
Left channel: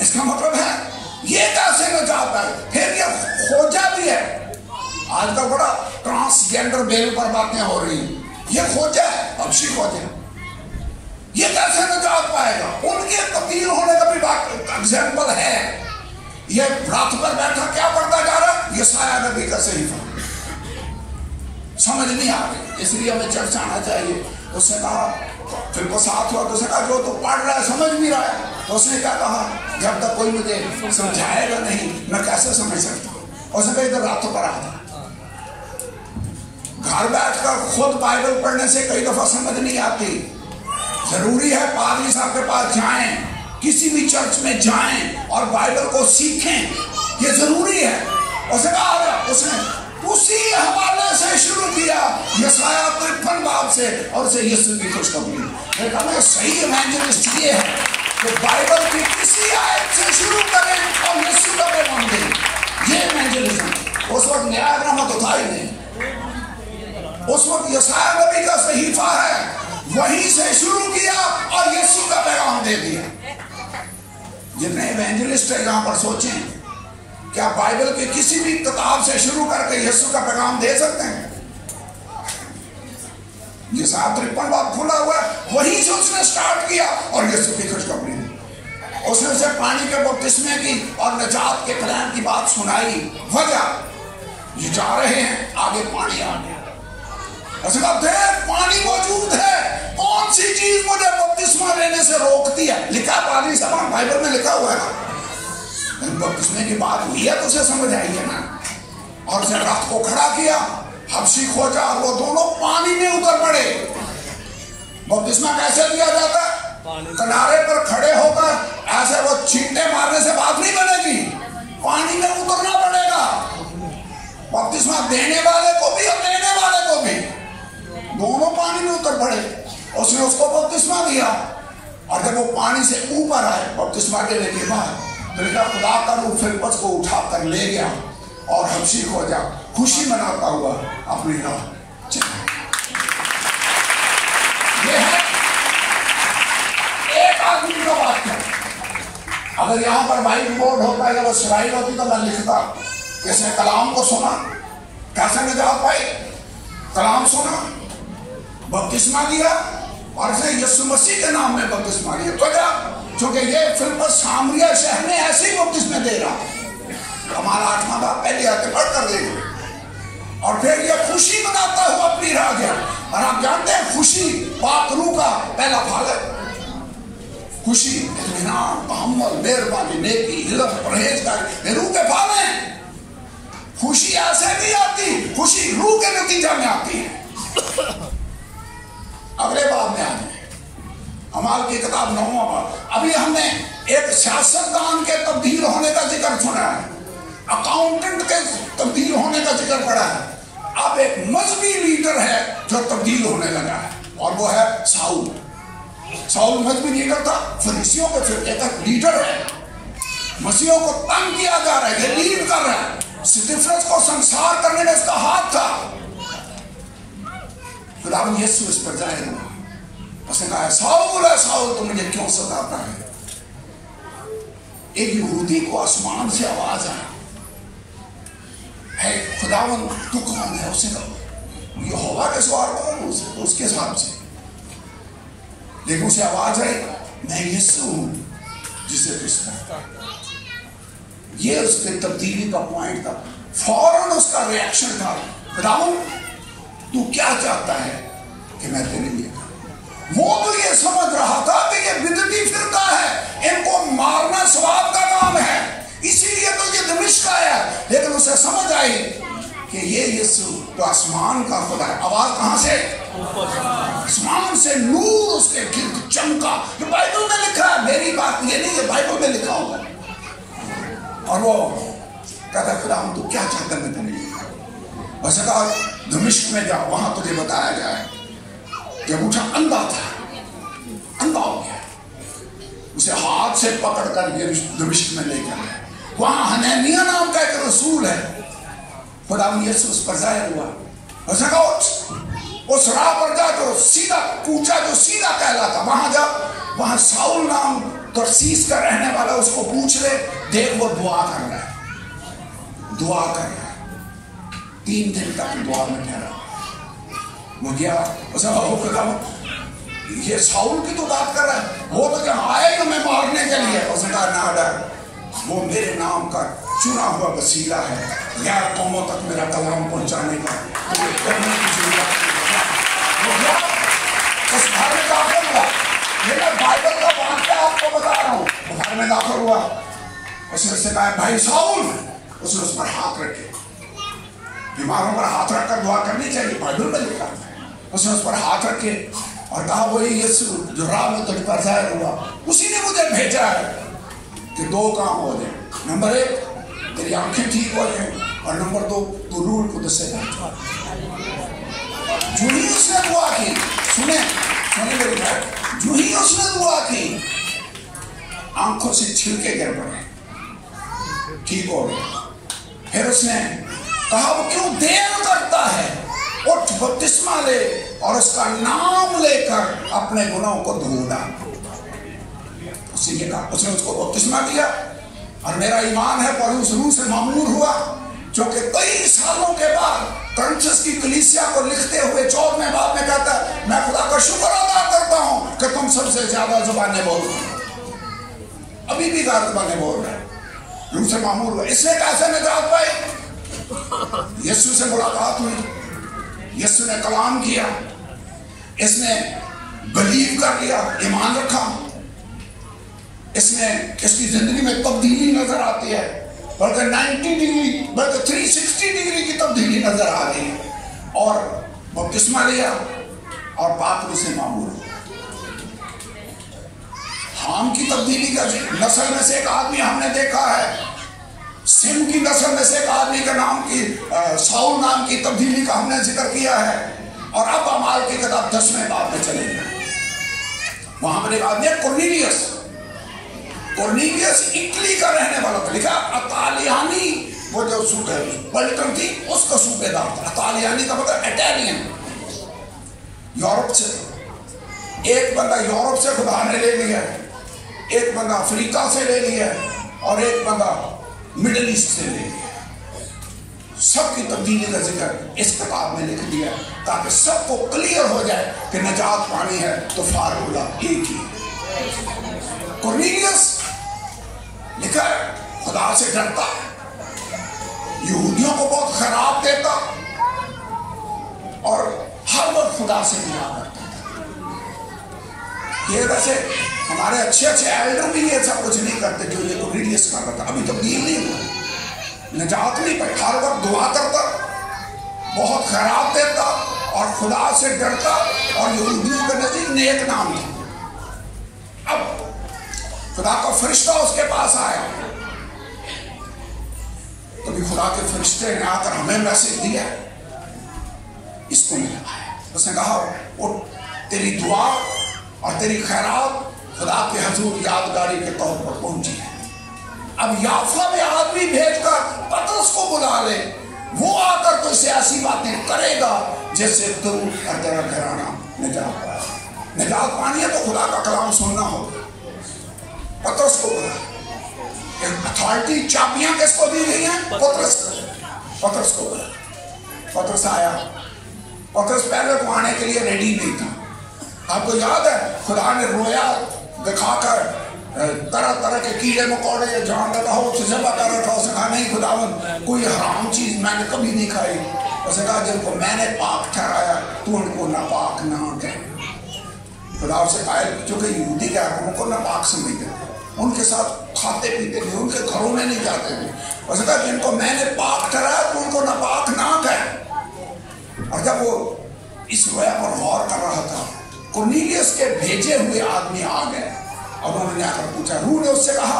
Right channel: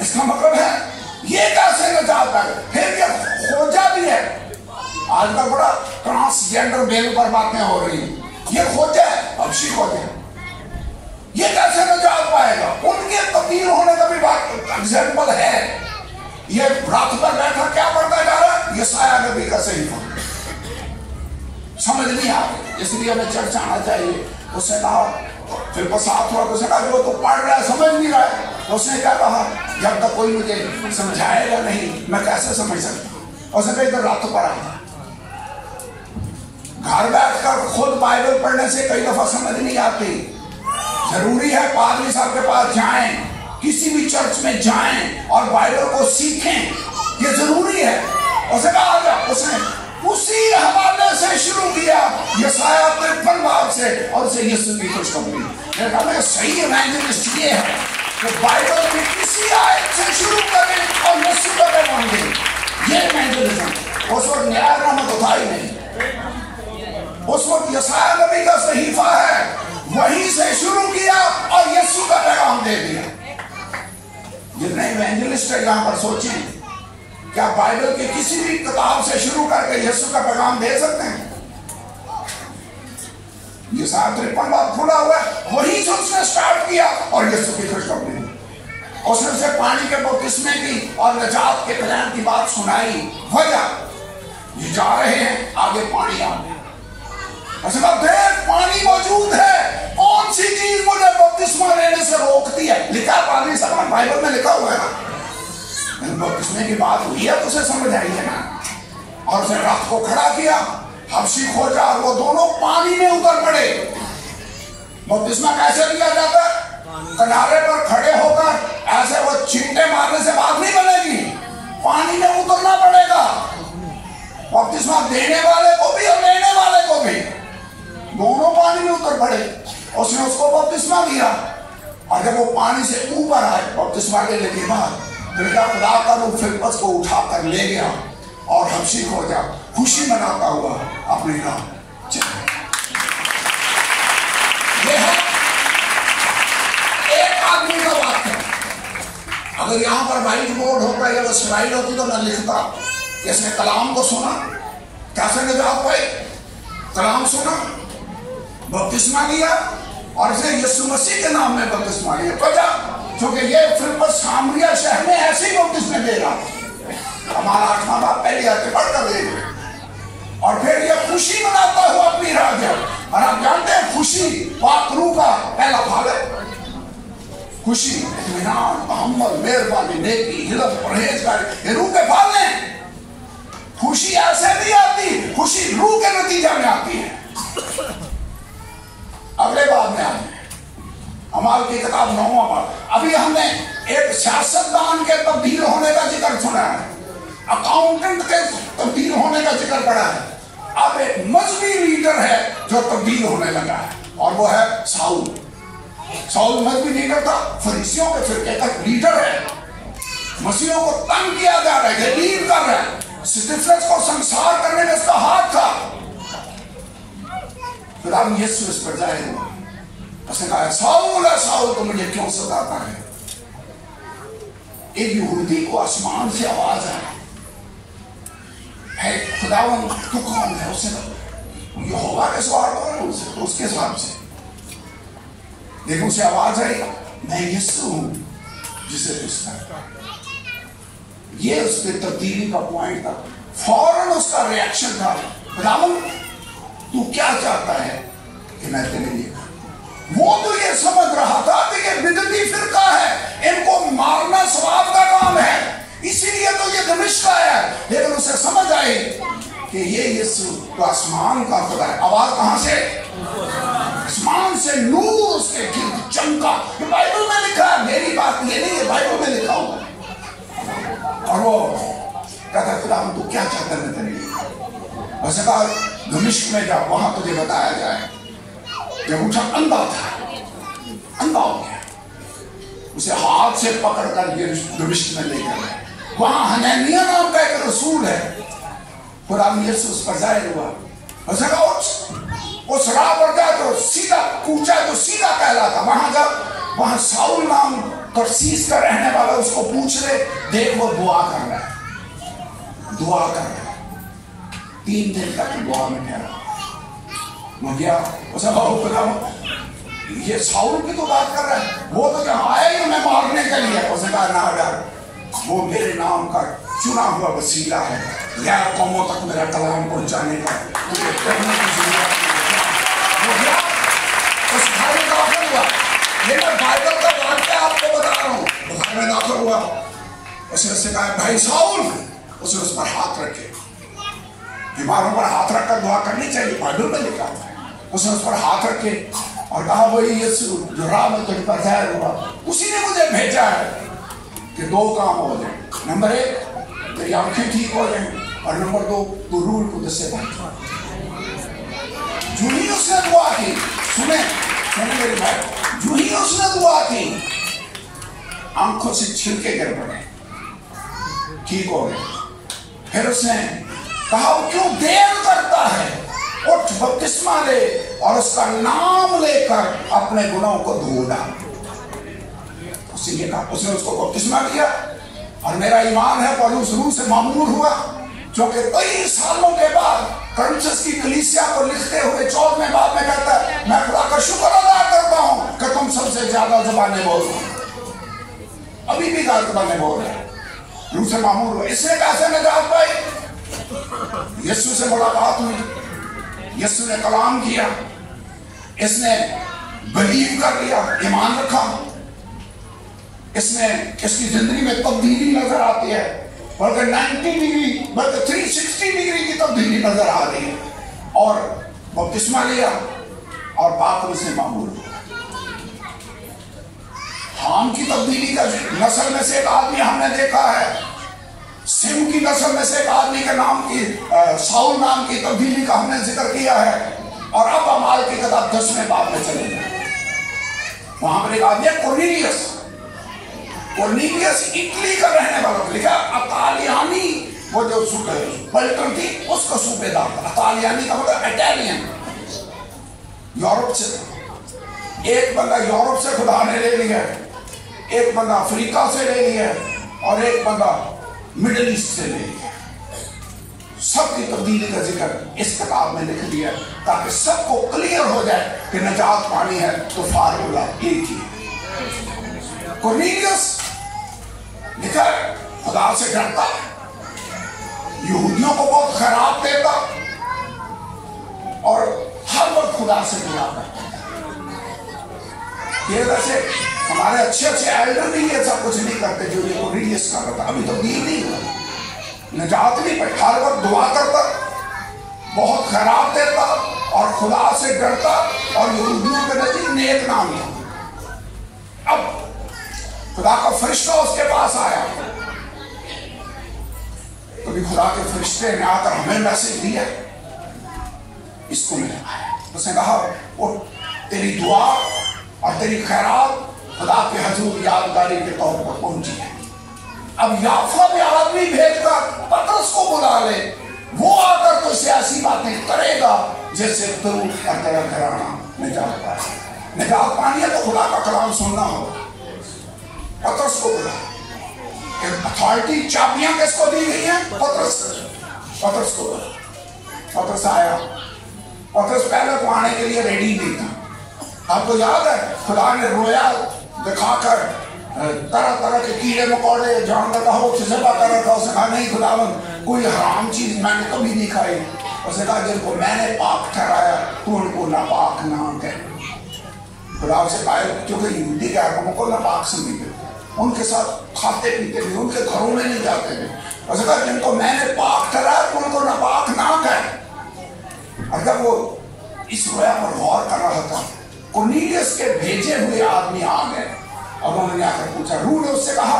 इसका मतलब है ये कैसे निजात है? फिर ये खोजा भी है। आजकल बड़ा ट्रांसजेंडर बेल पर बातें हो रही हैं। ये खोजा है, हबशी खोजा। ये कैसे निजात पाएगा? उनके तब्दील होने का भी बात एग्जाम्पल है। ये रात पर बैठा क्या पढ़ता जा रहा है? ये साया नबी का सहीफा समझ नहीं आ रही, इसलिए हमें चर्चा आना चाहिए। उसने कहा फिर साथ हुआ, उसने कहा जो तो पढ़ रहा है समझ नहीं रहा है, تو اس نے کیا کہا جب تک کوئی مجھے سمجھائے گا نہیں میں کیسے سمجھ سکتا ہوں. اس نے کہا ادھر راتوں پر آتا گھر بیٹھ کر خود بائبل پڑھنے سے کئی دفعہ سمجھ نہیں آتی. ضروری ہے پادری صاحب کے پاس جائیں کسی بھی چرچ میں جائیں اور بائبل کو سیکھیں یہ ضروری ہے. اس نے کہا آجا. اس نے اسی حوالے سے شروع کیا یسایہ 53 باب سے اور اسے یسوع کی خوشخبری. میں کہا صحیح ایوانجلسٹ یہ ہے کہ بائبل کی کسی آیت سے شروع کریں اور یسوع کا پیغام دیں. یہ ایوانجلزم. اس وقت نیا نامہ تو تھا ہی نہیں. اس وقت یسایہ نبی کا صحیفہ ہے وہیں سے شروع کیا اور یسوع کا پیغام دے دیا. جتنے ایوانجلسٹ ہیں یہاں پر سوچیں کیا بائبل کی کسی بھی کتاب سے شروع کر کے یسوع کا پیغام دے سکتے ہیں؟ یہ 53 باب کھلا ہوا ہے وہیں سے اس نے سٹارٹ کیا اور یسوع کی خوشخبری دی. اس نے اسے پانی کے بپتسمے کی اور نجات کے کلام کی بات سنائی. وجہ یہ جا رہے ہیں آگے پانی آ گیا. اس نے کہا پانی موجود ہے کون سی چیز مجھے بپتسمہ لینے سے روکتی ہے؟ لکھا پادری صاحب بائبل میں لکھا ہوا ہے. بپتسمے کی بات ہوئی ہے تو اسے سمجھ آئی ہے نا. اور اسے رات کو کھڑا کیا حبشی کھوجا اور وہ دونوں پانی میں اتر پڑے. بپتسمہ کیسے لیا جاتا ہے؟ کنارے پر کھڑے ہو کر ایسے وہ چھینٹے مارنے سے بات نہیں بنے گی. پانی میں اترنا پڑے گا. بپتسمہ دینے والے کو بھی اور لینے والے کو بھی دونوں پانی میں اتر پڑے. اس نے اس کو بپتسمہ دیا اور جب وہ پانی سے اوپر آئے بپتسمہ لینے کے بعد خدا کر وہ فلپس کو اٹھا کر لے گیا اور حبشی کھوجا خوشی مناتا ہوا اپنے گھر چلا. یہ ہے ایک آدمی کا بات ہے. اگر یہاں پر وائٹ بورڈ ہوتا یا وہ سلائی ہوتی تو میں لکھتا کہ اس نے کلام کو سنا کیسے نجات پائی. کلام سنا بپتسمہ لیا اور اس نے یسوع مسیح کے نام میں بپتسمہ لیا. وجہ چونکہ یہ فلپس سامریہ شہر میں ایسے ہی بپتسمے دے رہا. ہمارا 8واں باب پہلی آیت پڑھ کر دے گا اور پھر یہ خوشی مناتا ہوا اپنی راہ گیا. اور آپ جانتے ہیں خوشی پاک روح کا پہلا پھل ہے. خوشی اطمینان تحمل مہربانی نیکی علم پرہیزگاری یہ روح کے پھل ہیں. خوشی ایسے نہیں آتی خوشی روح کے نتیجہ میں آتی ہے. اگلے باب میں آتے ہیں ہمارے کی کتاب 9واں باب. ابھی ہم نے ایک سیاستدان کے تبدیل ہونے کا ذکر سنا ہے. اکاؤنٹنٹ کے تبدیل ہونے کا ذکر پڑا ہے. اب ایک مذہبی لیڈر ہے جو تبدیل ہونے لگا ہے اور وہ ہے ساؤل. ساؤل مذہبی لیڈر تھا فریسیوں کے فرقے کا لیڈر ہے. مسیحوں کو تنگ کیا جا رہا ہے یہ لیڈ کر رہا ہے. سٹیفنس کو سنسار کرنے میں اس کا ہاتھ تھا. پھر اب یسوع اس پر ظاہر ہوا. اس نے کہا ساؤل تو مجھے کیوں ستاتا ہے. ایک یہودی کو آسمان سے آواز آئی ہے خداوند تو کون ہے؟ اس نے یہوہ کے سوال کرو اس کے حساب سے. لیکن اسے آواز آئی میں یسوع ہوں جسے تو ستاتا. یہ اس پہ تبدیلی کا پوائنٹ تھا. فوراً اس کا ریاکشن تھا خداوند تو کیا چاہتا ہے کہ میں تیرے لیے. وہ تو یہ سمجھ رہا تھا کہ یہ بدعتی فرقہ ہے ان کو مارنا ثواب کا کام ہے اسی لیے تو یہ دمشق آیا ہے. لیکن اسے سمجھ آئی کہ یہ یسوع تو آسمان کا خدا ہے. آواز کہاں سے؟ آسمان سے نور اس کے گرد چمکا. یہ بائبل میں لکھا ہے میری بات یہ نہیں ہے بائبل میں لکھا ہوا. اور وہ کہتا ہے خدا تو کیا چاہتا ہے تیرے لیے. اسے کہا دمشق میں جاؤ وہاں تجھے بتایا جائے. جب اٹھا اندھا تھا اندھا ہو گیا. اسے ہاتھ سے پکڑ کر دمشق میں لے گئے. وہاں حنانیہ نام کا ایک رسول ہے. خدا یسوع اس پر ظاہر ہوا. اسے کہا اٹھ اس راہ پر جا جو سیدھا کوچا جو سیدھا کہلاتا وہاں جا. وہاں ساؤل نام ترسیس کا رہنے والا اس کو پوچھ لے دیکھ وہ دعا کر رہا ہے دعا کر رہا ہے. 3 دن تک دعا میں ٹھہرا. وہ گیا اسے کہا خدا یہ ساؤل کی تو بات کر رہا ہے وہ تو جہاں آئے ہی ہمیں مارنے کے لیے. اس نے کہا نہ ڈر وہ میرے نام کا چنا ہوا وسیلہ ہے غیر قوموں تک میرا کلام پہنچانے کا. وہ گیا اس بھائی کا ہوا. یہ میں بائبل کا واقعہ آپ کو بتا رہا ہوں. उसने उससे कहा भाई साउल, उसने उस पर हाथ रखे, बीमारों पर हाथ रखकर दुआ करनी चाहिए, बाइबल में लिखा है। उसने उस पर हाथ रखे और कहा वही यीशु जो राह में तुझ पर ज़ाहिर हुआ, उसी ने मुझे भेजा है कि दो काम हो जाए, नंबर 1 तेरी आंखें ठीक हो जाए, और नंबर 2 तू रूह कुदस से भर जाए। जो ही उसने दुआ की, सुने मेरी बात, जो ही उसने दुआ की, आंखों से छिलके गिर पड़े, ठीक हो गए। फिर उसने कहा वो क्यों देर करता है, उठ बपतिस्मा ले और उसका नाम लेकर अपने गुनाहों को धो डाल। उसने कहा, उसने उसको बपतिस्मा दिया, और मेरा ईमान है पौलुस रूह से मामूर हुआ, जो कि 23 सालों के बाद करंथस की कलीसिया को लिखते हुए 14वें बाब में कहता है, मैं खुदा का शुक्र अदा करता हूं कि तुम सबसे ज्यादा जुबानें बोल रहे हो। अभी भी जुबानें बोल रहे, रूह से मामूर हुए। इससे कैसे निजात पाई? यीशु से मुलाकात हुई, यीशु ने कलाम किया, इसने बिलीव कर लिया, ईमान रखा, इसने इसकी जिंदगी में तब्दीली नजर आती है, बल्कि 90 डिग्री बल्कि 360 डिग्री की तब्दीली नजर आ रही है, और बपतिस्मा लिया और पाप से मामूल हुआ। हाम की तब्दीली का नस्ल में से एक आदमी हमने देखा है, सिम की नस्ल में से एक आदमी के नाम की साउल नाम की तब्दीली का हमने जिक्र किया है, और अब अमाल की किताब 10वें बाब में चले गए, वहां पर एक आदमी है कोर्नेलियस। कोर्नेलियस इटली का रहने वाला था, लिखा अतालियानी, वो जो पलटन थी उसका सूबेदार था। अतालियानी का मतलब इटालियन, यूरोप से। एक बंदा यूरोप से खुदा ने ले लिया, एक बंदा अफ्रीका से ले लिया, और एक बंदा मिडिल ईस्ट से ले लिया। सबकी तब्दीली का जिक्र इस किताब में लिख दिया, ताकि सबको क्लियर हो जाए कि निजात पानी है तो फार्मूला एक ही। कोर्नेलियस लिखा है खुदा से डरता, यहूदियों को बहुत खराब देता, और हर वक्त खुदा से मिला करता। ये वैसे हमारे अच्छे एल्डर भी ये सब कुछ नहीं करते जो ये कोर्नेलियस कर रहा था, अभी तब्दील नहीं हुआ, निजात नहीं पाई, हर वक्त दुआ करता, बहुत खराब देता, और खुदा से डरता, और यहूदियों के नजदीक नेक नाम था। अब खुदा का फरिश्ता उसके पास आया, कभी खुदा के फरिश्ते ने आकर हमें मैसेज दिया, इसको मिला। उसने कहा वो तेरी दुआ और तेरी खैरात खुदा के हजूर यादगारी के तौर पर पहुंची है। अब याफा में आदमी भेजकर पतरस को बुला ले, वो आकर तो इसे ऐसी बातें करेगा जैसे तू और तेरा घराना निजात पाए। निजात पानी है तो खुदा का कलाम सुनना होगा। पतरस को बुला, अथॉरिटी चाबियां किसको दी गई हैं? पतरस को बुला। पतरस आया, पतरस पहले तो आने के लिए रेडी नहीं था। आपको याद है खुदा ने रोया दिखाकर तरह तरह के कीड़े मकोड़े जान लगा हो उसे जबा कर रखा। उसने कहा नहीं खुदावंद कोई हराम चीज मैंने कभी नहीं खाई। उसने कहा जिनको मैंने पाक ठहराया तू उनको नापाक ना कह। खुदा से कहा क्योंकि यहूदी क्या है उनको नापाक समझते, उनके साथ खाते पीते थे, उनके घरों में नहीं जाते थे। उसने कहा जिनको मैंने पाक ठहराया तो उनको नापाक ना कह। और जब वो इस रोया पर गौर कर रहा था, कोर्नेलियस के भेजे हुए आदमी आ गए और उन्होंने आकर पूछा, रूह ने उससे कहा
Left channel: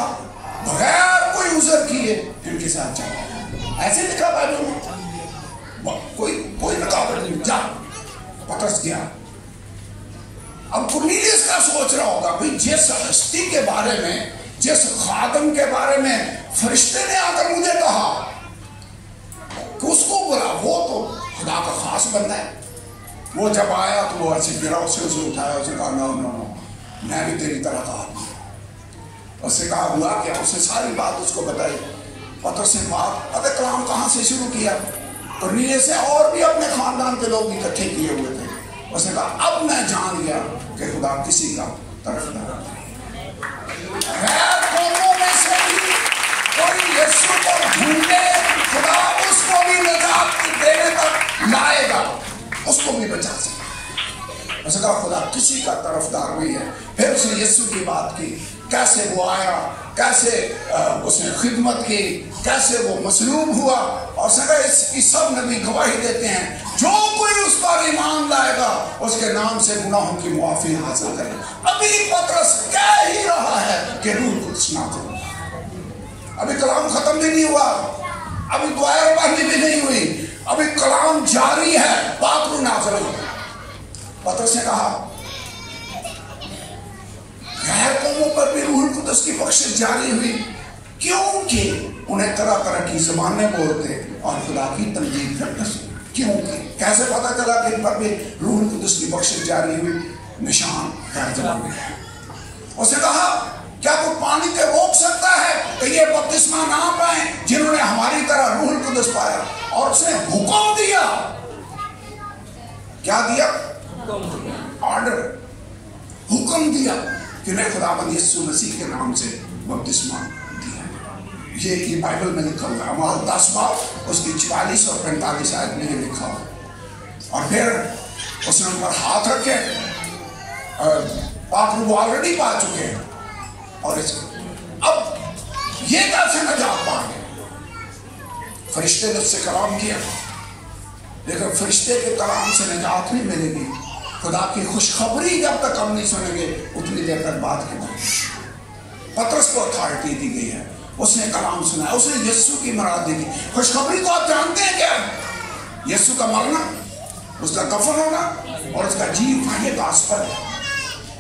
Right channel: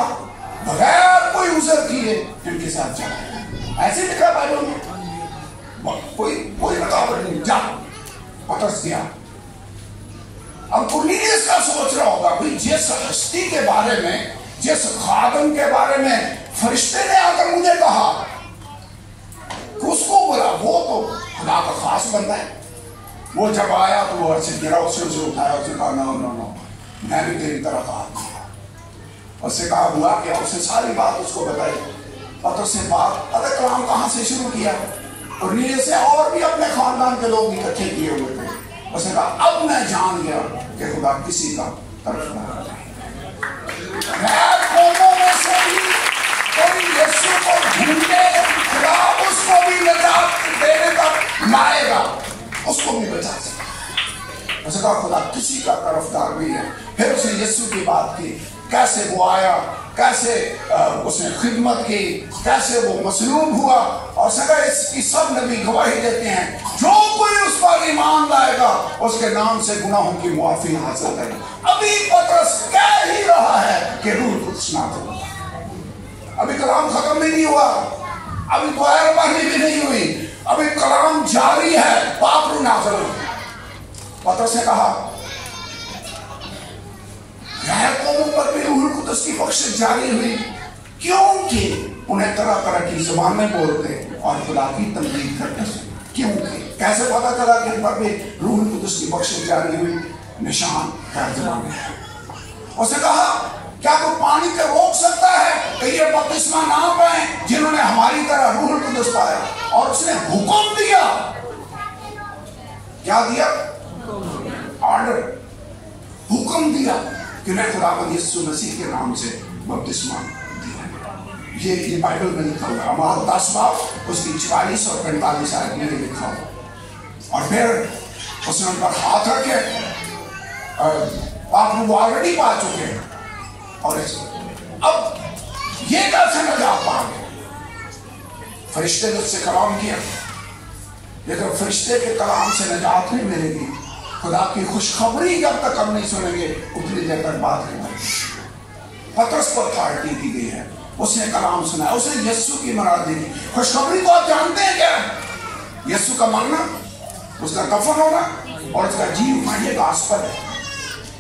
बगैर कोई उज़र किए इनके साथ जा। ऐसे लिखा बाइबल में, कोई रकावट नहीं, जा। पतरस गया। अब कोर्नेलियस का सोच रहा होगा भाई जिस हस्ती के बारे में, जिस खादम के बारे में फरिश्ते ने आकर मुझे कहा कि उसको बोला, वो तो खुदा का खास बंदा है। वो जब आया तो वो ऐसे गिरा, उसे उठाया, उसे कहा नो नो नो मैं भी तेरी तरह का आदमी हूं। उससे कहा बुला के उससे सारी बात उसको बताई। पतरस से बात पता काम कहां से शुरू किया, कोर्नेलियस से और भी अपने खानदान के लोग इकट्ठे किए हुए थे। उसने कहा अब मैं जान गया कि खुदा किसी का तरफ न रहा। खुदा उसको भी निजात देने तक लाएगा, उसको भी बचा सके। उसने कहा खुदा किसी का तरफदार नहीं है। फिर उसने यीशु की बात की, कैसे वो आया, کیسے اس نے خدمت کی، کیسے وہ مصلوب ہوا، اور سکا اس کی سب نبی گواہی دیتے ہیں جو کوئی اس پر ایمان لائے گا اس کے نام سے گناہوں کی معافی حاصل کرے۔ ابھی پطرس کہہ ہی رہا ہے کہ روح القدس نازل ہوگا، ابھی کلام ختم نہیں ہوا، ابھی دوائر پڑھنی بھی نہیں ہوئی، ابھی کلام جاری ہے، پاک روح نازل ہوگا۔ پطرس نے کہا غیر قوموں پر بھی روح القدس کی بخشش جاری ہوئی کیونکہ انہیں طرح طرح کی زبانیں بولتے اور خدا کی تمجید کرتے سنا۔ کیونکہ کیسے پتا چلا کہ ان پر بھی روح القدس کی بخشش جاری ہوئی؟ نشان غیر زبانیں ہے۔ اس نے کہا کیا کوئی پانی کے روک سکتا ہے کہ یہ بپتسمہ نہ پائیں جنہوں نے ہماری طرح روح القدس پایا؟ اور اس نے حکم دیا، کیا دیا؟ آرڈر، حکم دیا کہ انہیں خداوند یسوع مسیح کے نام سے بپتسمہ دیا۔ یہ بائبل میں لکھا ہوا ہے، اعمال 10 باب اس کی 44 اور 45 آیت میں نے لکھا ہوا۔ اور پھر اس نے ان پر ہاتھ رکھے، پاک روح آلریڈی پا چکے ہیں، اور اب یہ کیسے نجات پا گئے؟ فرشتے نے اس سے کلام کیا، لیکن فرشتے کے کلام سے نجات نہیں ملے گی، خدا کی خوشخبری جب تک ہم نہیں سنیں گے اتنی دیر تک بات نہیں کریں۔ پطرس کو اتھارٹی دی گئی ہے، اس نے کلام سنا ہے، اس نے یسوع کی مراد دی گئی۔ خوشخبری کو آپ جانتے ہیں کیا؟ یسوع کا مرنا، اس کا دفن ہونا اور اس کا جی اٹھنا، یہ گاسپل ہے۔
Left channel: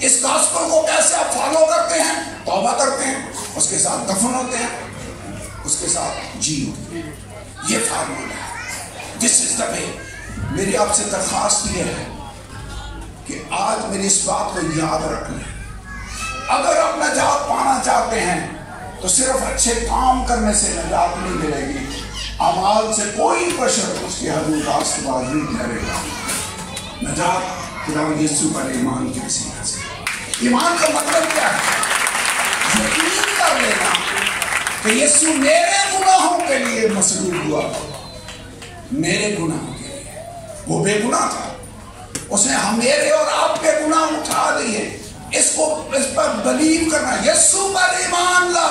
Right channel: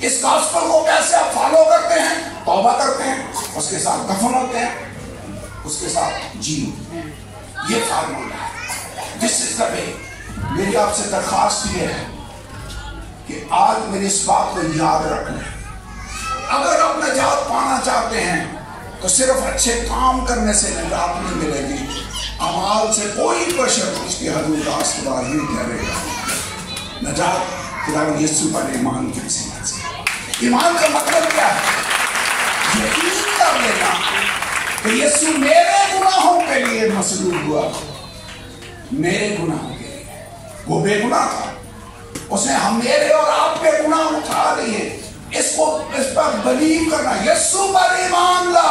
اس گاسپل کو کیسے آپ فالو کرتے ہیں؟ توبہ کرتے ہیں، اس کے ساتھ دفن ہوتے ہیں، اس کے ساتھ جی اٹھتے ہیں، یہ فارمولا ہے۔ دس از دا وے۔ میری آپ سے درخواست یہ ہے کہ آج میری اس بات کو یاد رکھ لیں، اگر آپ نجات پانا چاہتے ہیں تو صرف اچھے کام کرنے سے نجات نہیں ملے گی، اعمال سے کوئی بشر اس کی حدود راست باز نہیں ٹھہرے گا۔ نجات خداوند یسوع پر ایمان کی وسیلہ سے۔ ایمان کا مطلب کیا ہے؟ یقین کر لینا کہ یسوع میرے گناہوں کے لیے مصلوب ہوا، میرے گناہوں کے لیے۔ وہ بے گناہ تھا، اس نے ہم میرے اور آپ کے گناہ اٹھا لیے۔ اس پر بلیو کرنا، یسوع پر ایمان لا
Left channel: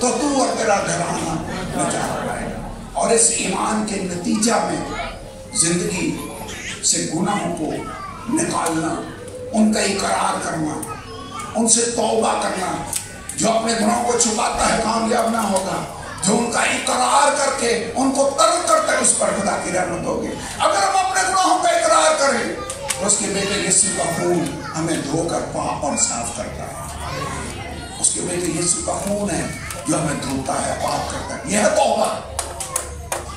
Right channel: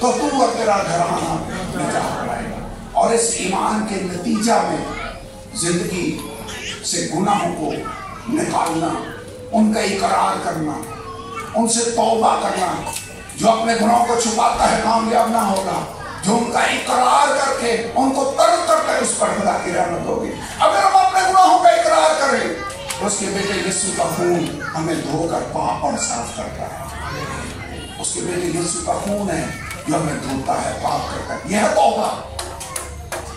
تو تو اور تیرا گھرانہ نجات پائے گا، اور اس ایمان کے نتیجہ میں زندگی سے گناہوں کو نکالنا، ان کا اقرار کرنا، ان سے توبہ کرنا۔ جو اپنے گناہوں کو چھپاتا ہے کامیاب نہ ہوگا، جو ان کا اقرار کر کے ان کو ترک کرتے اس پر خدا کی رحمت ہوگی۔ اگر ہم اپنے گناہوں کا اقرار کریں تو اس کے بیٹے یسوع کا خون ہمیں دھو کر پاک اور صاف کرتا ہے۔ اس کے بیٹے یسوع کا خون ہے جو ہمیں دھوتا ہے، پاک کرتا ہے۔ یہ ہے توبہ۔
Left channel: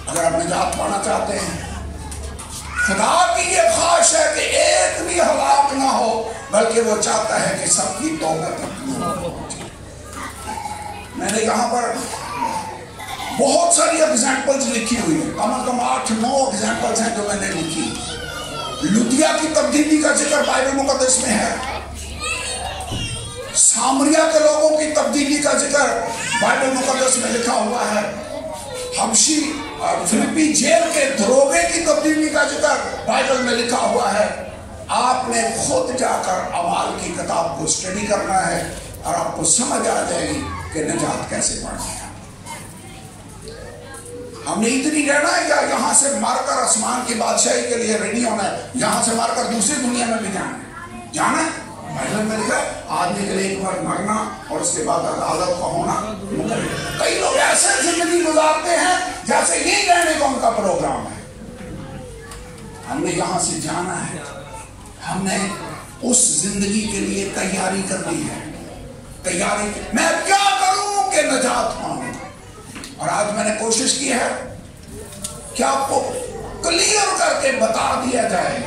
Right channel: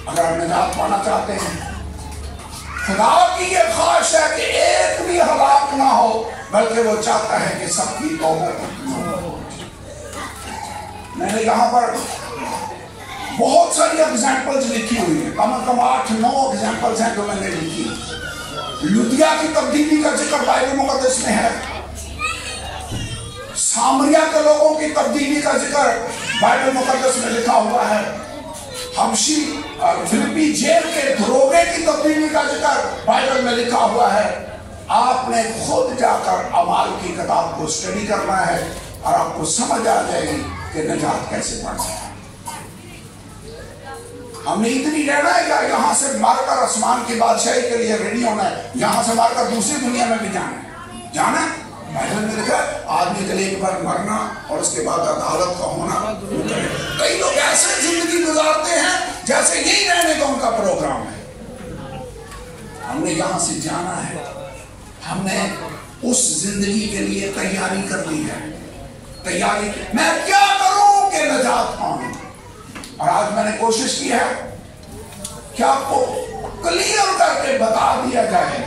اگر آپ نجات پانا چاہتے ہیں، خدا کی یہ خواہش ہے کہ ایک بھی ہلاک نہ ہو، بلکہ وہ چاہتا ہے کہ سب کی توبہ ہو۔ میں نے یہاں پر بہت ساری ایگزامپلز لکھی ہوئی ہیں، کم از کم 8-9 ایگزامپلز ہیں جو میں نے لکھی۔ لدیا کی تبدیلی کا ذکر بائبل مقدس میں ہے، سامریا کے لوگوں کی تبدیلی کا ذکر بائبل مقدس میں لکھا ہوا ہے، حبشی فلپی جیل کے دروگے کی تبدیلی کا ذکر بائبل میں لکھا ہوا ہے۔ آپ نے خود جا کر اعمال کی کتاب کو اسٹڈی کرنا ہے اور آپ کو سمجھ آ جائے گی کہ نجات کیسے پڑھنا ہے۔ ہم نے اتنی رہنا ہے کہ یہاں سے مار کر آسمان کی بادشاہی کے لیے ریڈی ہونا ہے، یہاں سے مار کر دوسری دنیا میں بھی جانا ہے۔ بائبل میں لکھا ہے آدمی کے لیے ایک بار مرنا اور اس کے بعد عدالت کا ہونا۔ کئی لوگ ایسے زندگی گزارتے ہیں جیسے یہی رہنے کا ان کا پروگرام ہے۔ ہم نے یہاں سے جانا ہے، ہم نے اس زندگی کے لیے تیاری کرنی ہے۔ تیاری میں کیا کروں کہ نجات پاؤں، اور آج میں نے کوشش کی ہے کہ آپ کو کلیئر کر کے بتا دیا جائے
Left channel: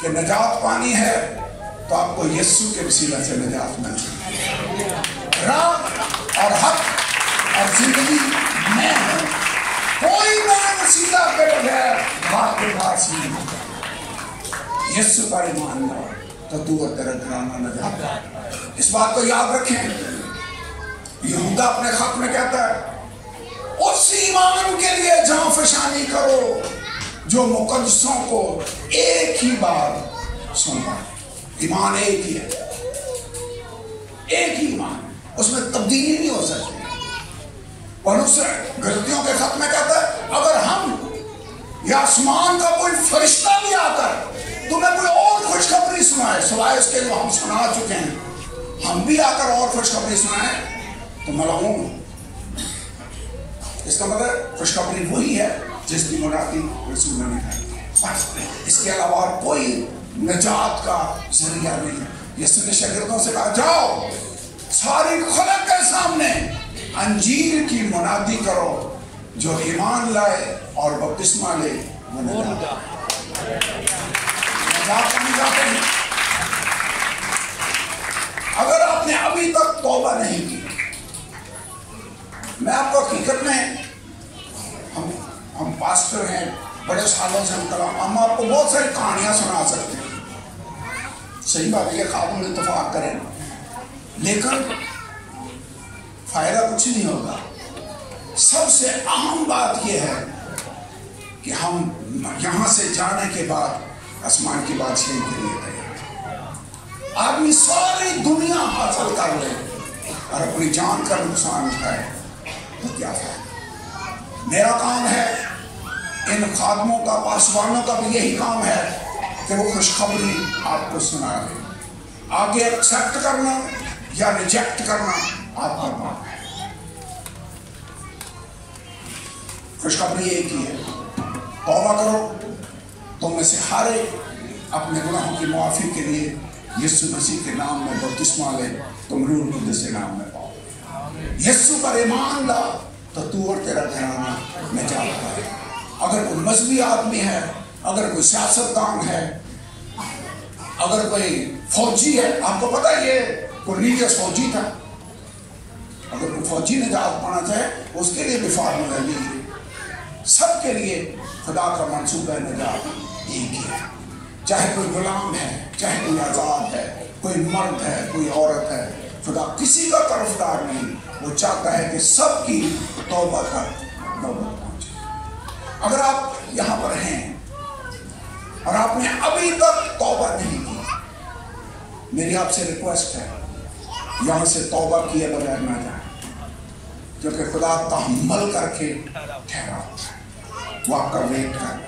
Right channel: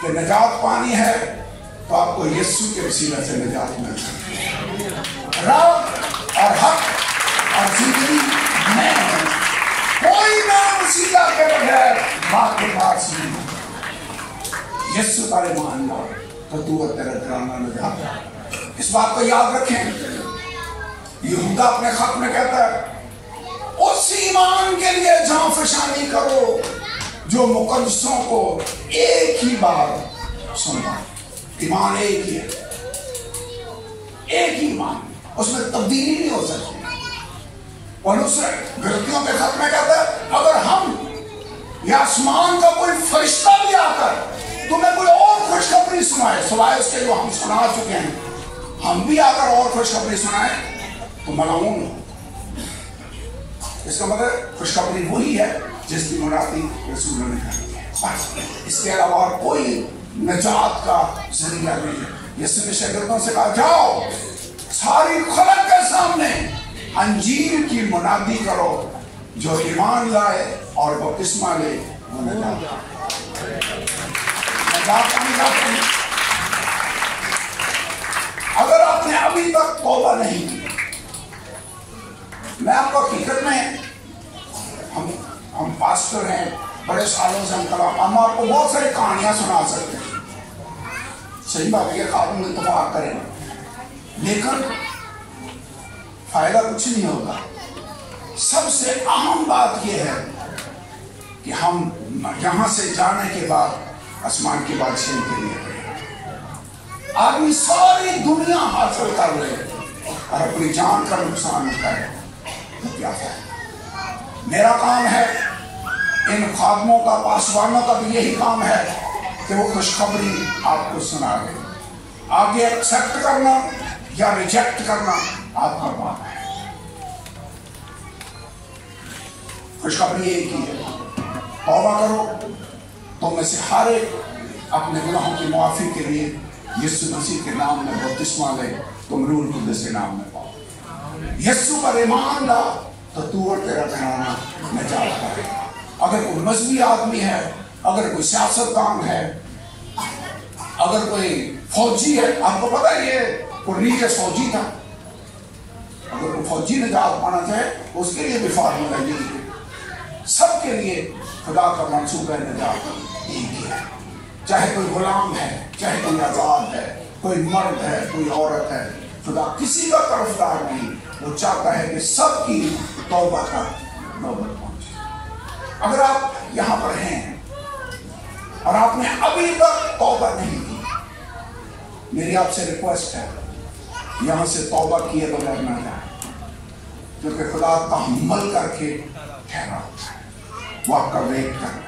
کہ نجات پانی ہے تو آپ کو یسوع کے وسیلہ سے نجات مل سکتی ہے۔ راہ اور حق اور زندگی میں ہے، کوئی نیا وسیلہ کے بغیر راہ کے پاس نہیں۔ یسوع پر ایمان لاؤ تو تو اور تیرا گھرانہ نجات ہے۔ اس بات کو یاد رکھیں، یہودا اپنے خط میں کہتا ہے اس ایمان کے لیے جان فشانی کرو جو مقدسوں کو ایک ہی بار سنا۔ ایمان ایک ہی ہے، ایک ہی ایمان، اس میں تبدیلی نہیں ہو سکتی۔ اور اس غلطیوں کے خط میں کہتا ہے اگر ہم یا آسمان کا کوئی فرشتہ بھی آ کر تمہیں کوئی اور خوشخبری سنائے سوائے اس کے جو ہم سنا چکے ہیں، ہم بھی آ کر اور خوشخبری سنائیں تو ملعون۔ اس کا مطلب خوشخبری وہی ہے جس کی منادی رسول نے کی ہے، اس کے علاوہ کوئی نجات کا ذریعہ نہیں ہے۔ یسوع نے شاگردوں سے کہا جاؤ ساری خلق کے سامنے انجیل کی منادی کرو، جو ایمان لائے اور بپتسمہ لے وہ نجات پائے۔ اگر آپ نے ابھی تک توبہ نہیں کی، میں آپ کو حقیقت میں ہم پاسٹر ہیں، بڑے سالوں سے ہم آپ کو بہت ساری کہانیاں سنا سکتے ہیں، صحیح بات یہ خواب میں اتفاق کریں، لیکن فائدہ کچھ نہیں ہوگا۔ سب سے اہم بات یہ ہے کہ ہم یہاں سے جانے کے بعد آسمان کی بادشاہی کے لیے گئے۔ آدمی ساری دنیا حاصل کر لے اور اپنی جان کا نقصان اٹھائے تو کیا فائدہ؟ میرا کام ہے، ان خادموں کا پاسبانوں کا بھی یہی کام ہے کہ وہ خوشخبری آپ کو سنا دیں۔ آگے ایکسپٹ کرنا یا ریجیکٹ کرنا آپ کا کام ہے۔ خوشخبری ایک ہی ہے، توبہ کرو تو میں سے ہر ایک اپنے گناہوں کی معافی کے لیے یسوع مسیح کے نام میں بپتسمہ لے، تم روح القدس کے نام میں پاؤ۔ یسوع پر ایمان لا تو تو اور تیرا گھرانہ نجات پائے گا۔ اگر کوئی مذہبی آدمی ہے، اگر کوئی سیاستدان ہے، اگر کوئی فوجی ہے، آپ کو پتا ہے یہ کورنیلیس فوجی تھا، اگر کوئی فوجی نجات پانا چاہے اس کے لیے بھی فارمولہ یہی ہے۔ سب کے لیے خدا کا منصوبہ نجات ایک ہی ہے، چاہے کوئی غلام ہے، چاہے کوئی آزاد ہے، کوئی مرد ہے، کوئی عورت ہے، خدا کسی کا طرفدار نہیں، وہ چاہتا ہے کہ سب کی توبہ کا نوبت پہنچے۔ اگر آپ یہاں پر ہیں اور آپ نے ابھی تک توبہ نہیں کی، میری آپ سے ریکویسٹ ہے یہاں سے توبہ کیے بغیر نہ جائیں، کیونکہ خدا تحمل کر کے ٹھہرا ہوتا ہے، وہ آپ کا ویٹ کر رہا ہے،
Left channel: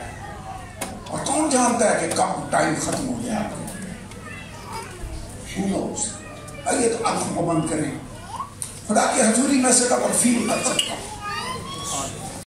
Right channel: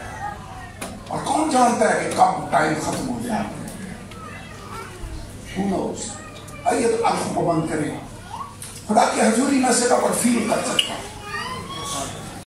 اور کون جانتا ہے کہ کب ٹائم ختم ہو جائے۔ Who knows؟ آئیے تو آپ کو بند کریں، خدا کی حضوری میں سے آپ فیل کر سکتے ہیں۔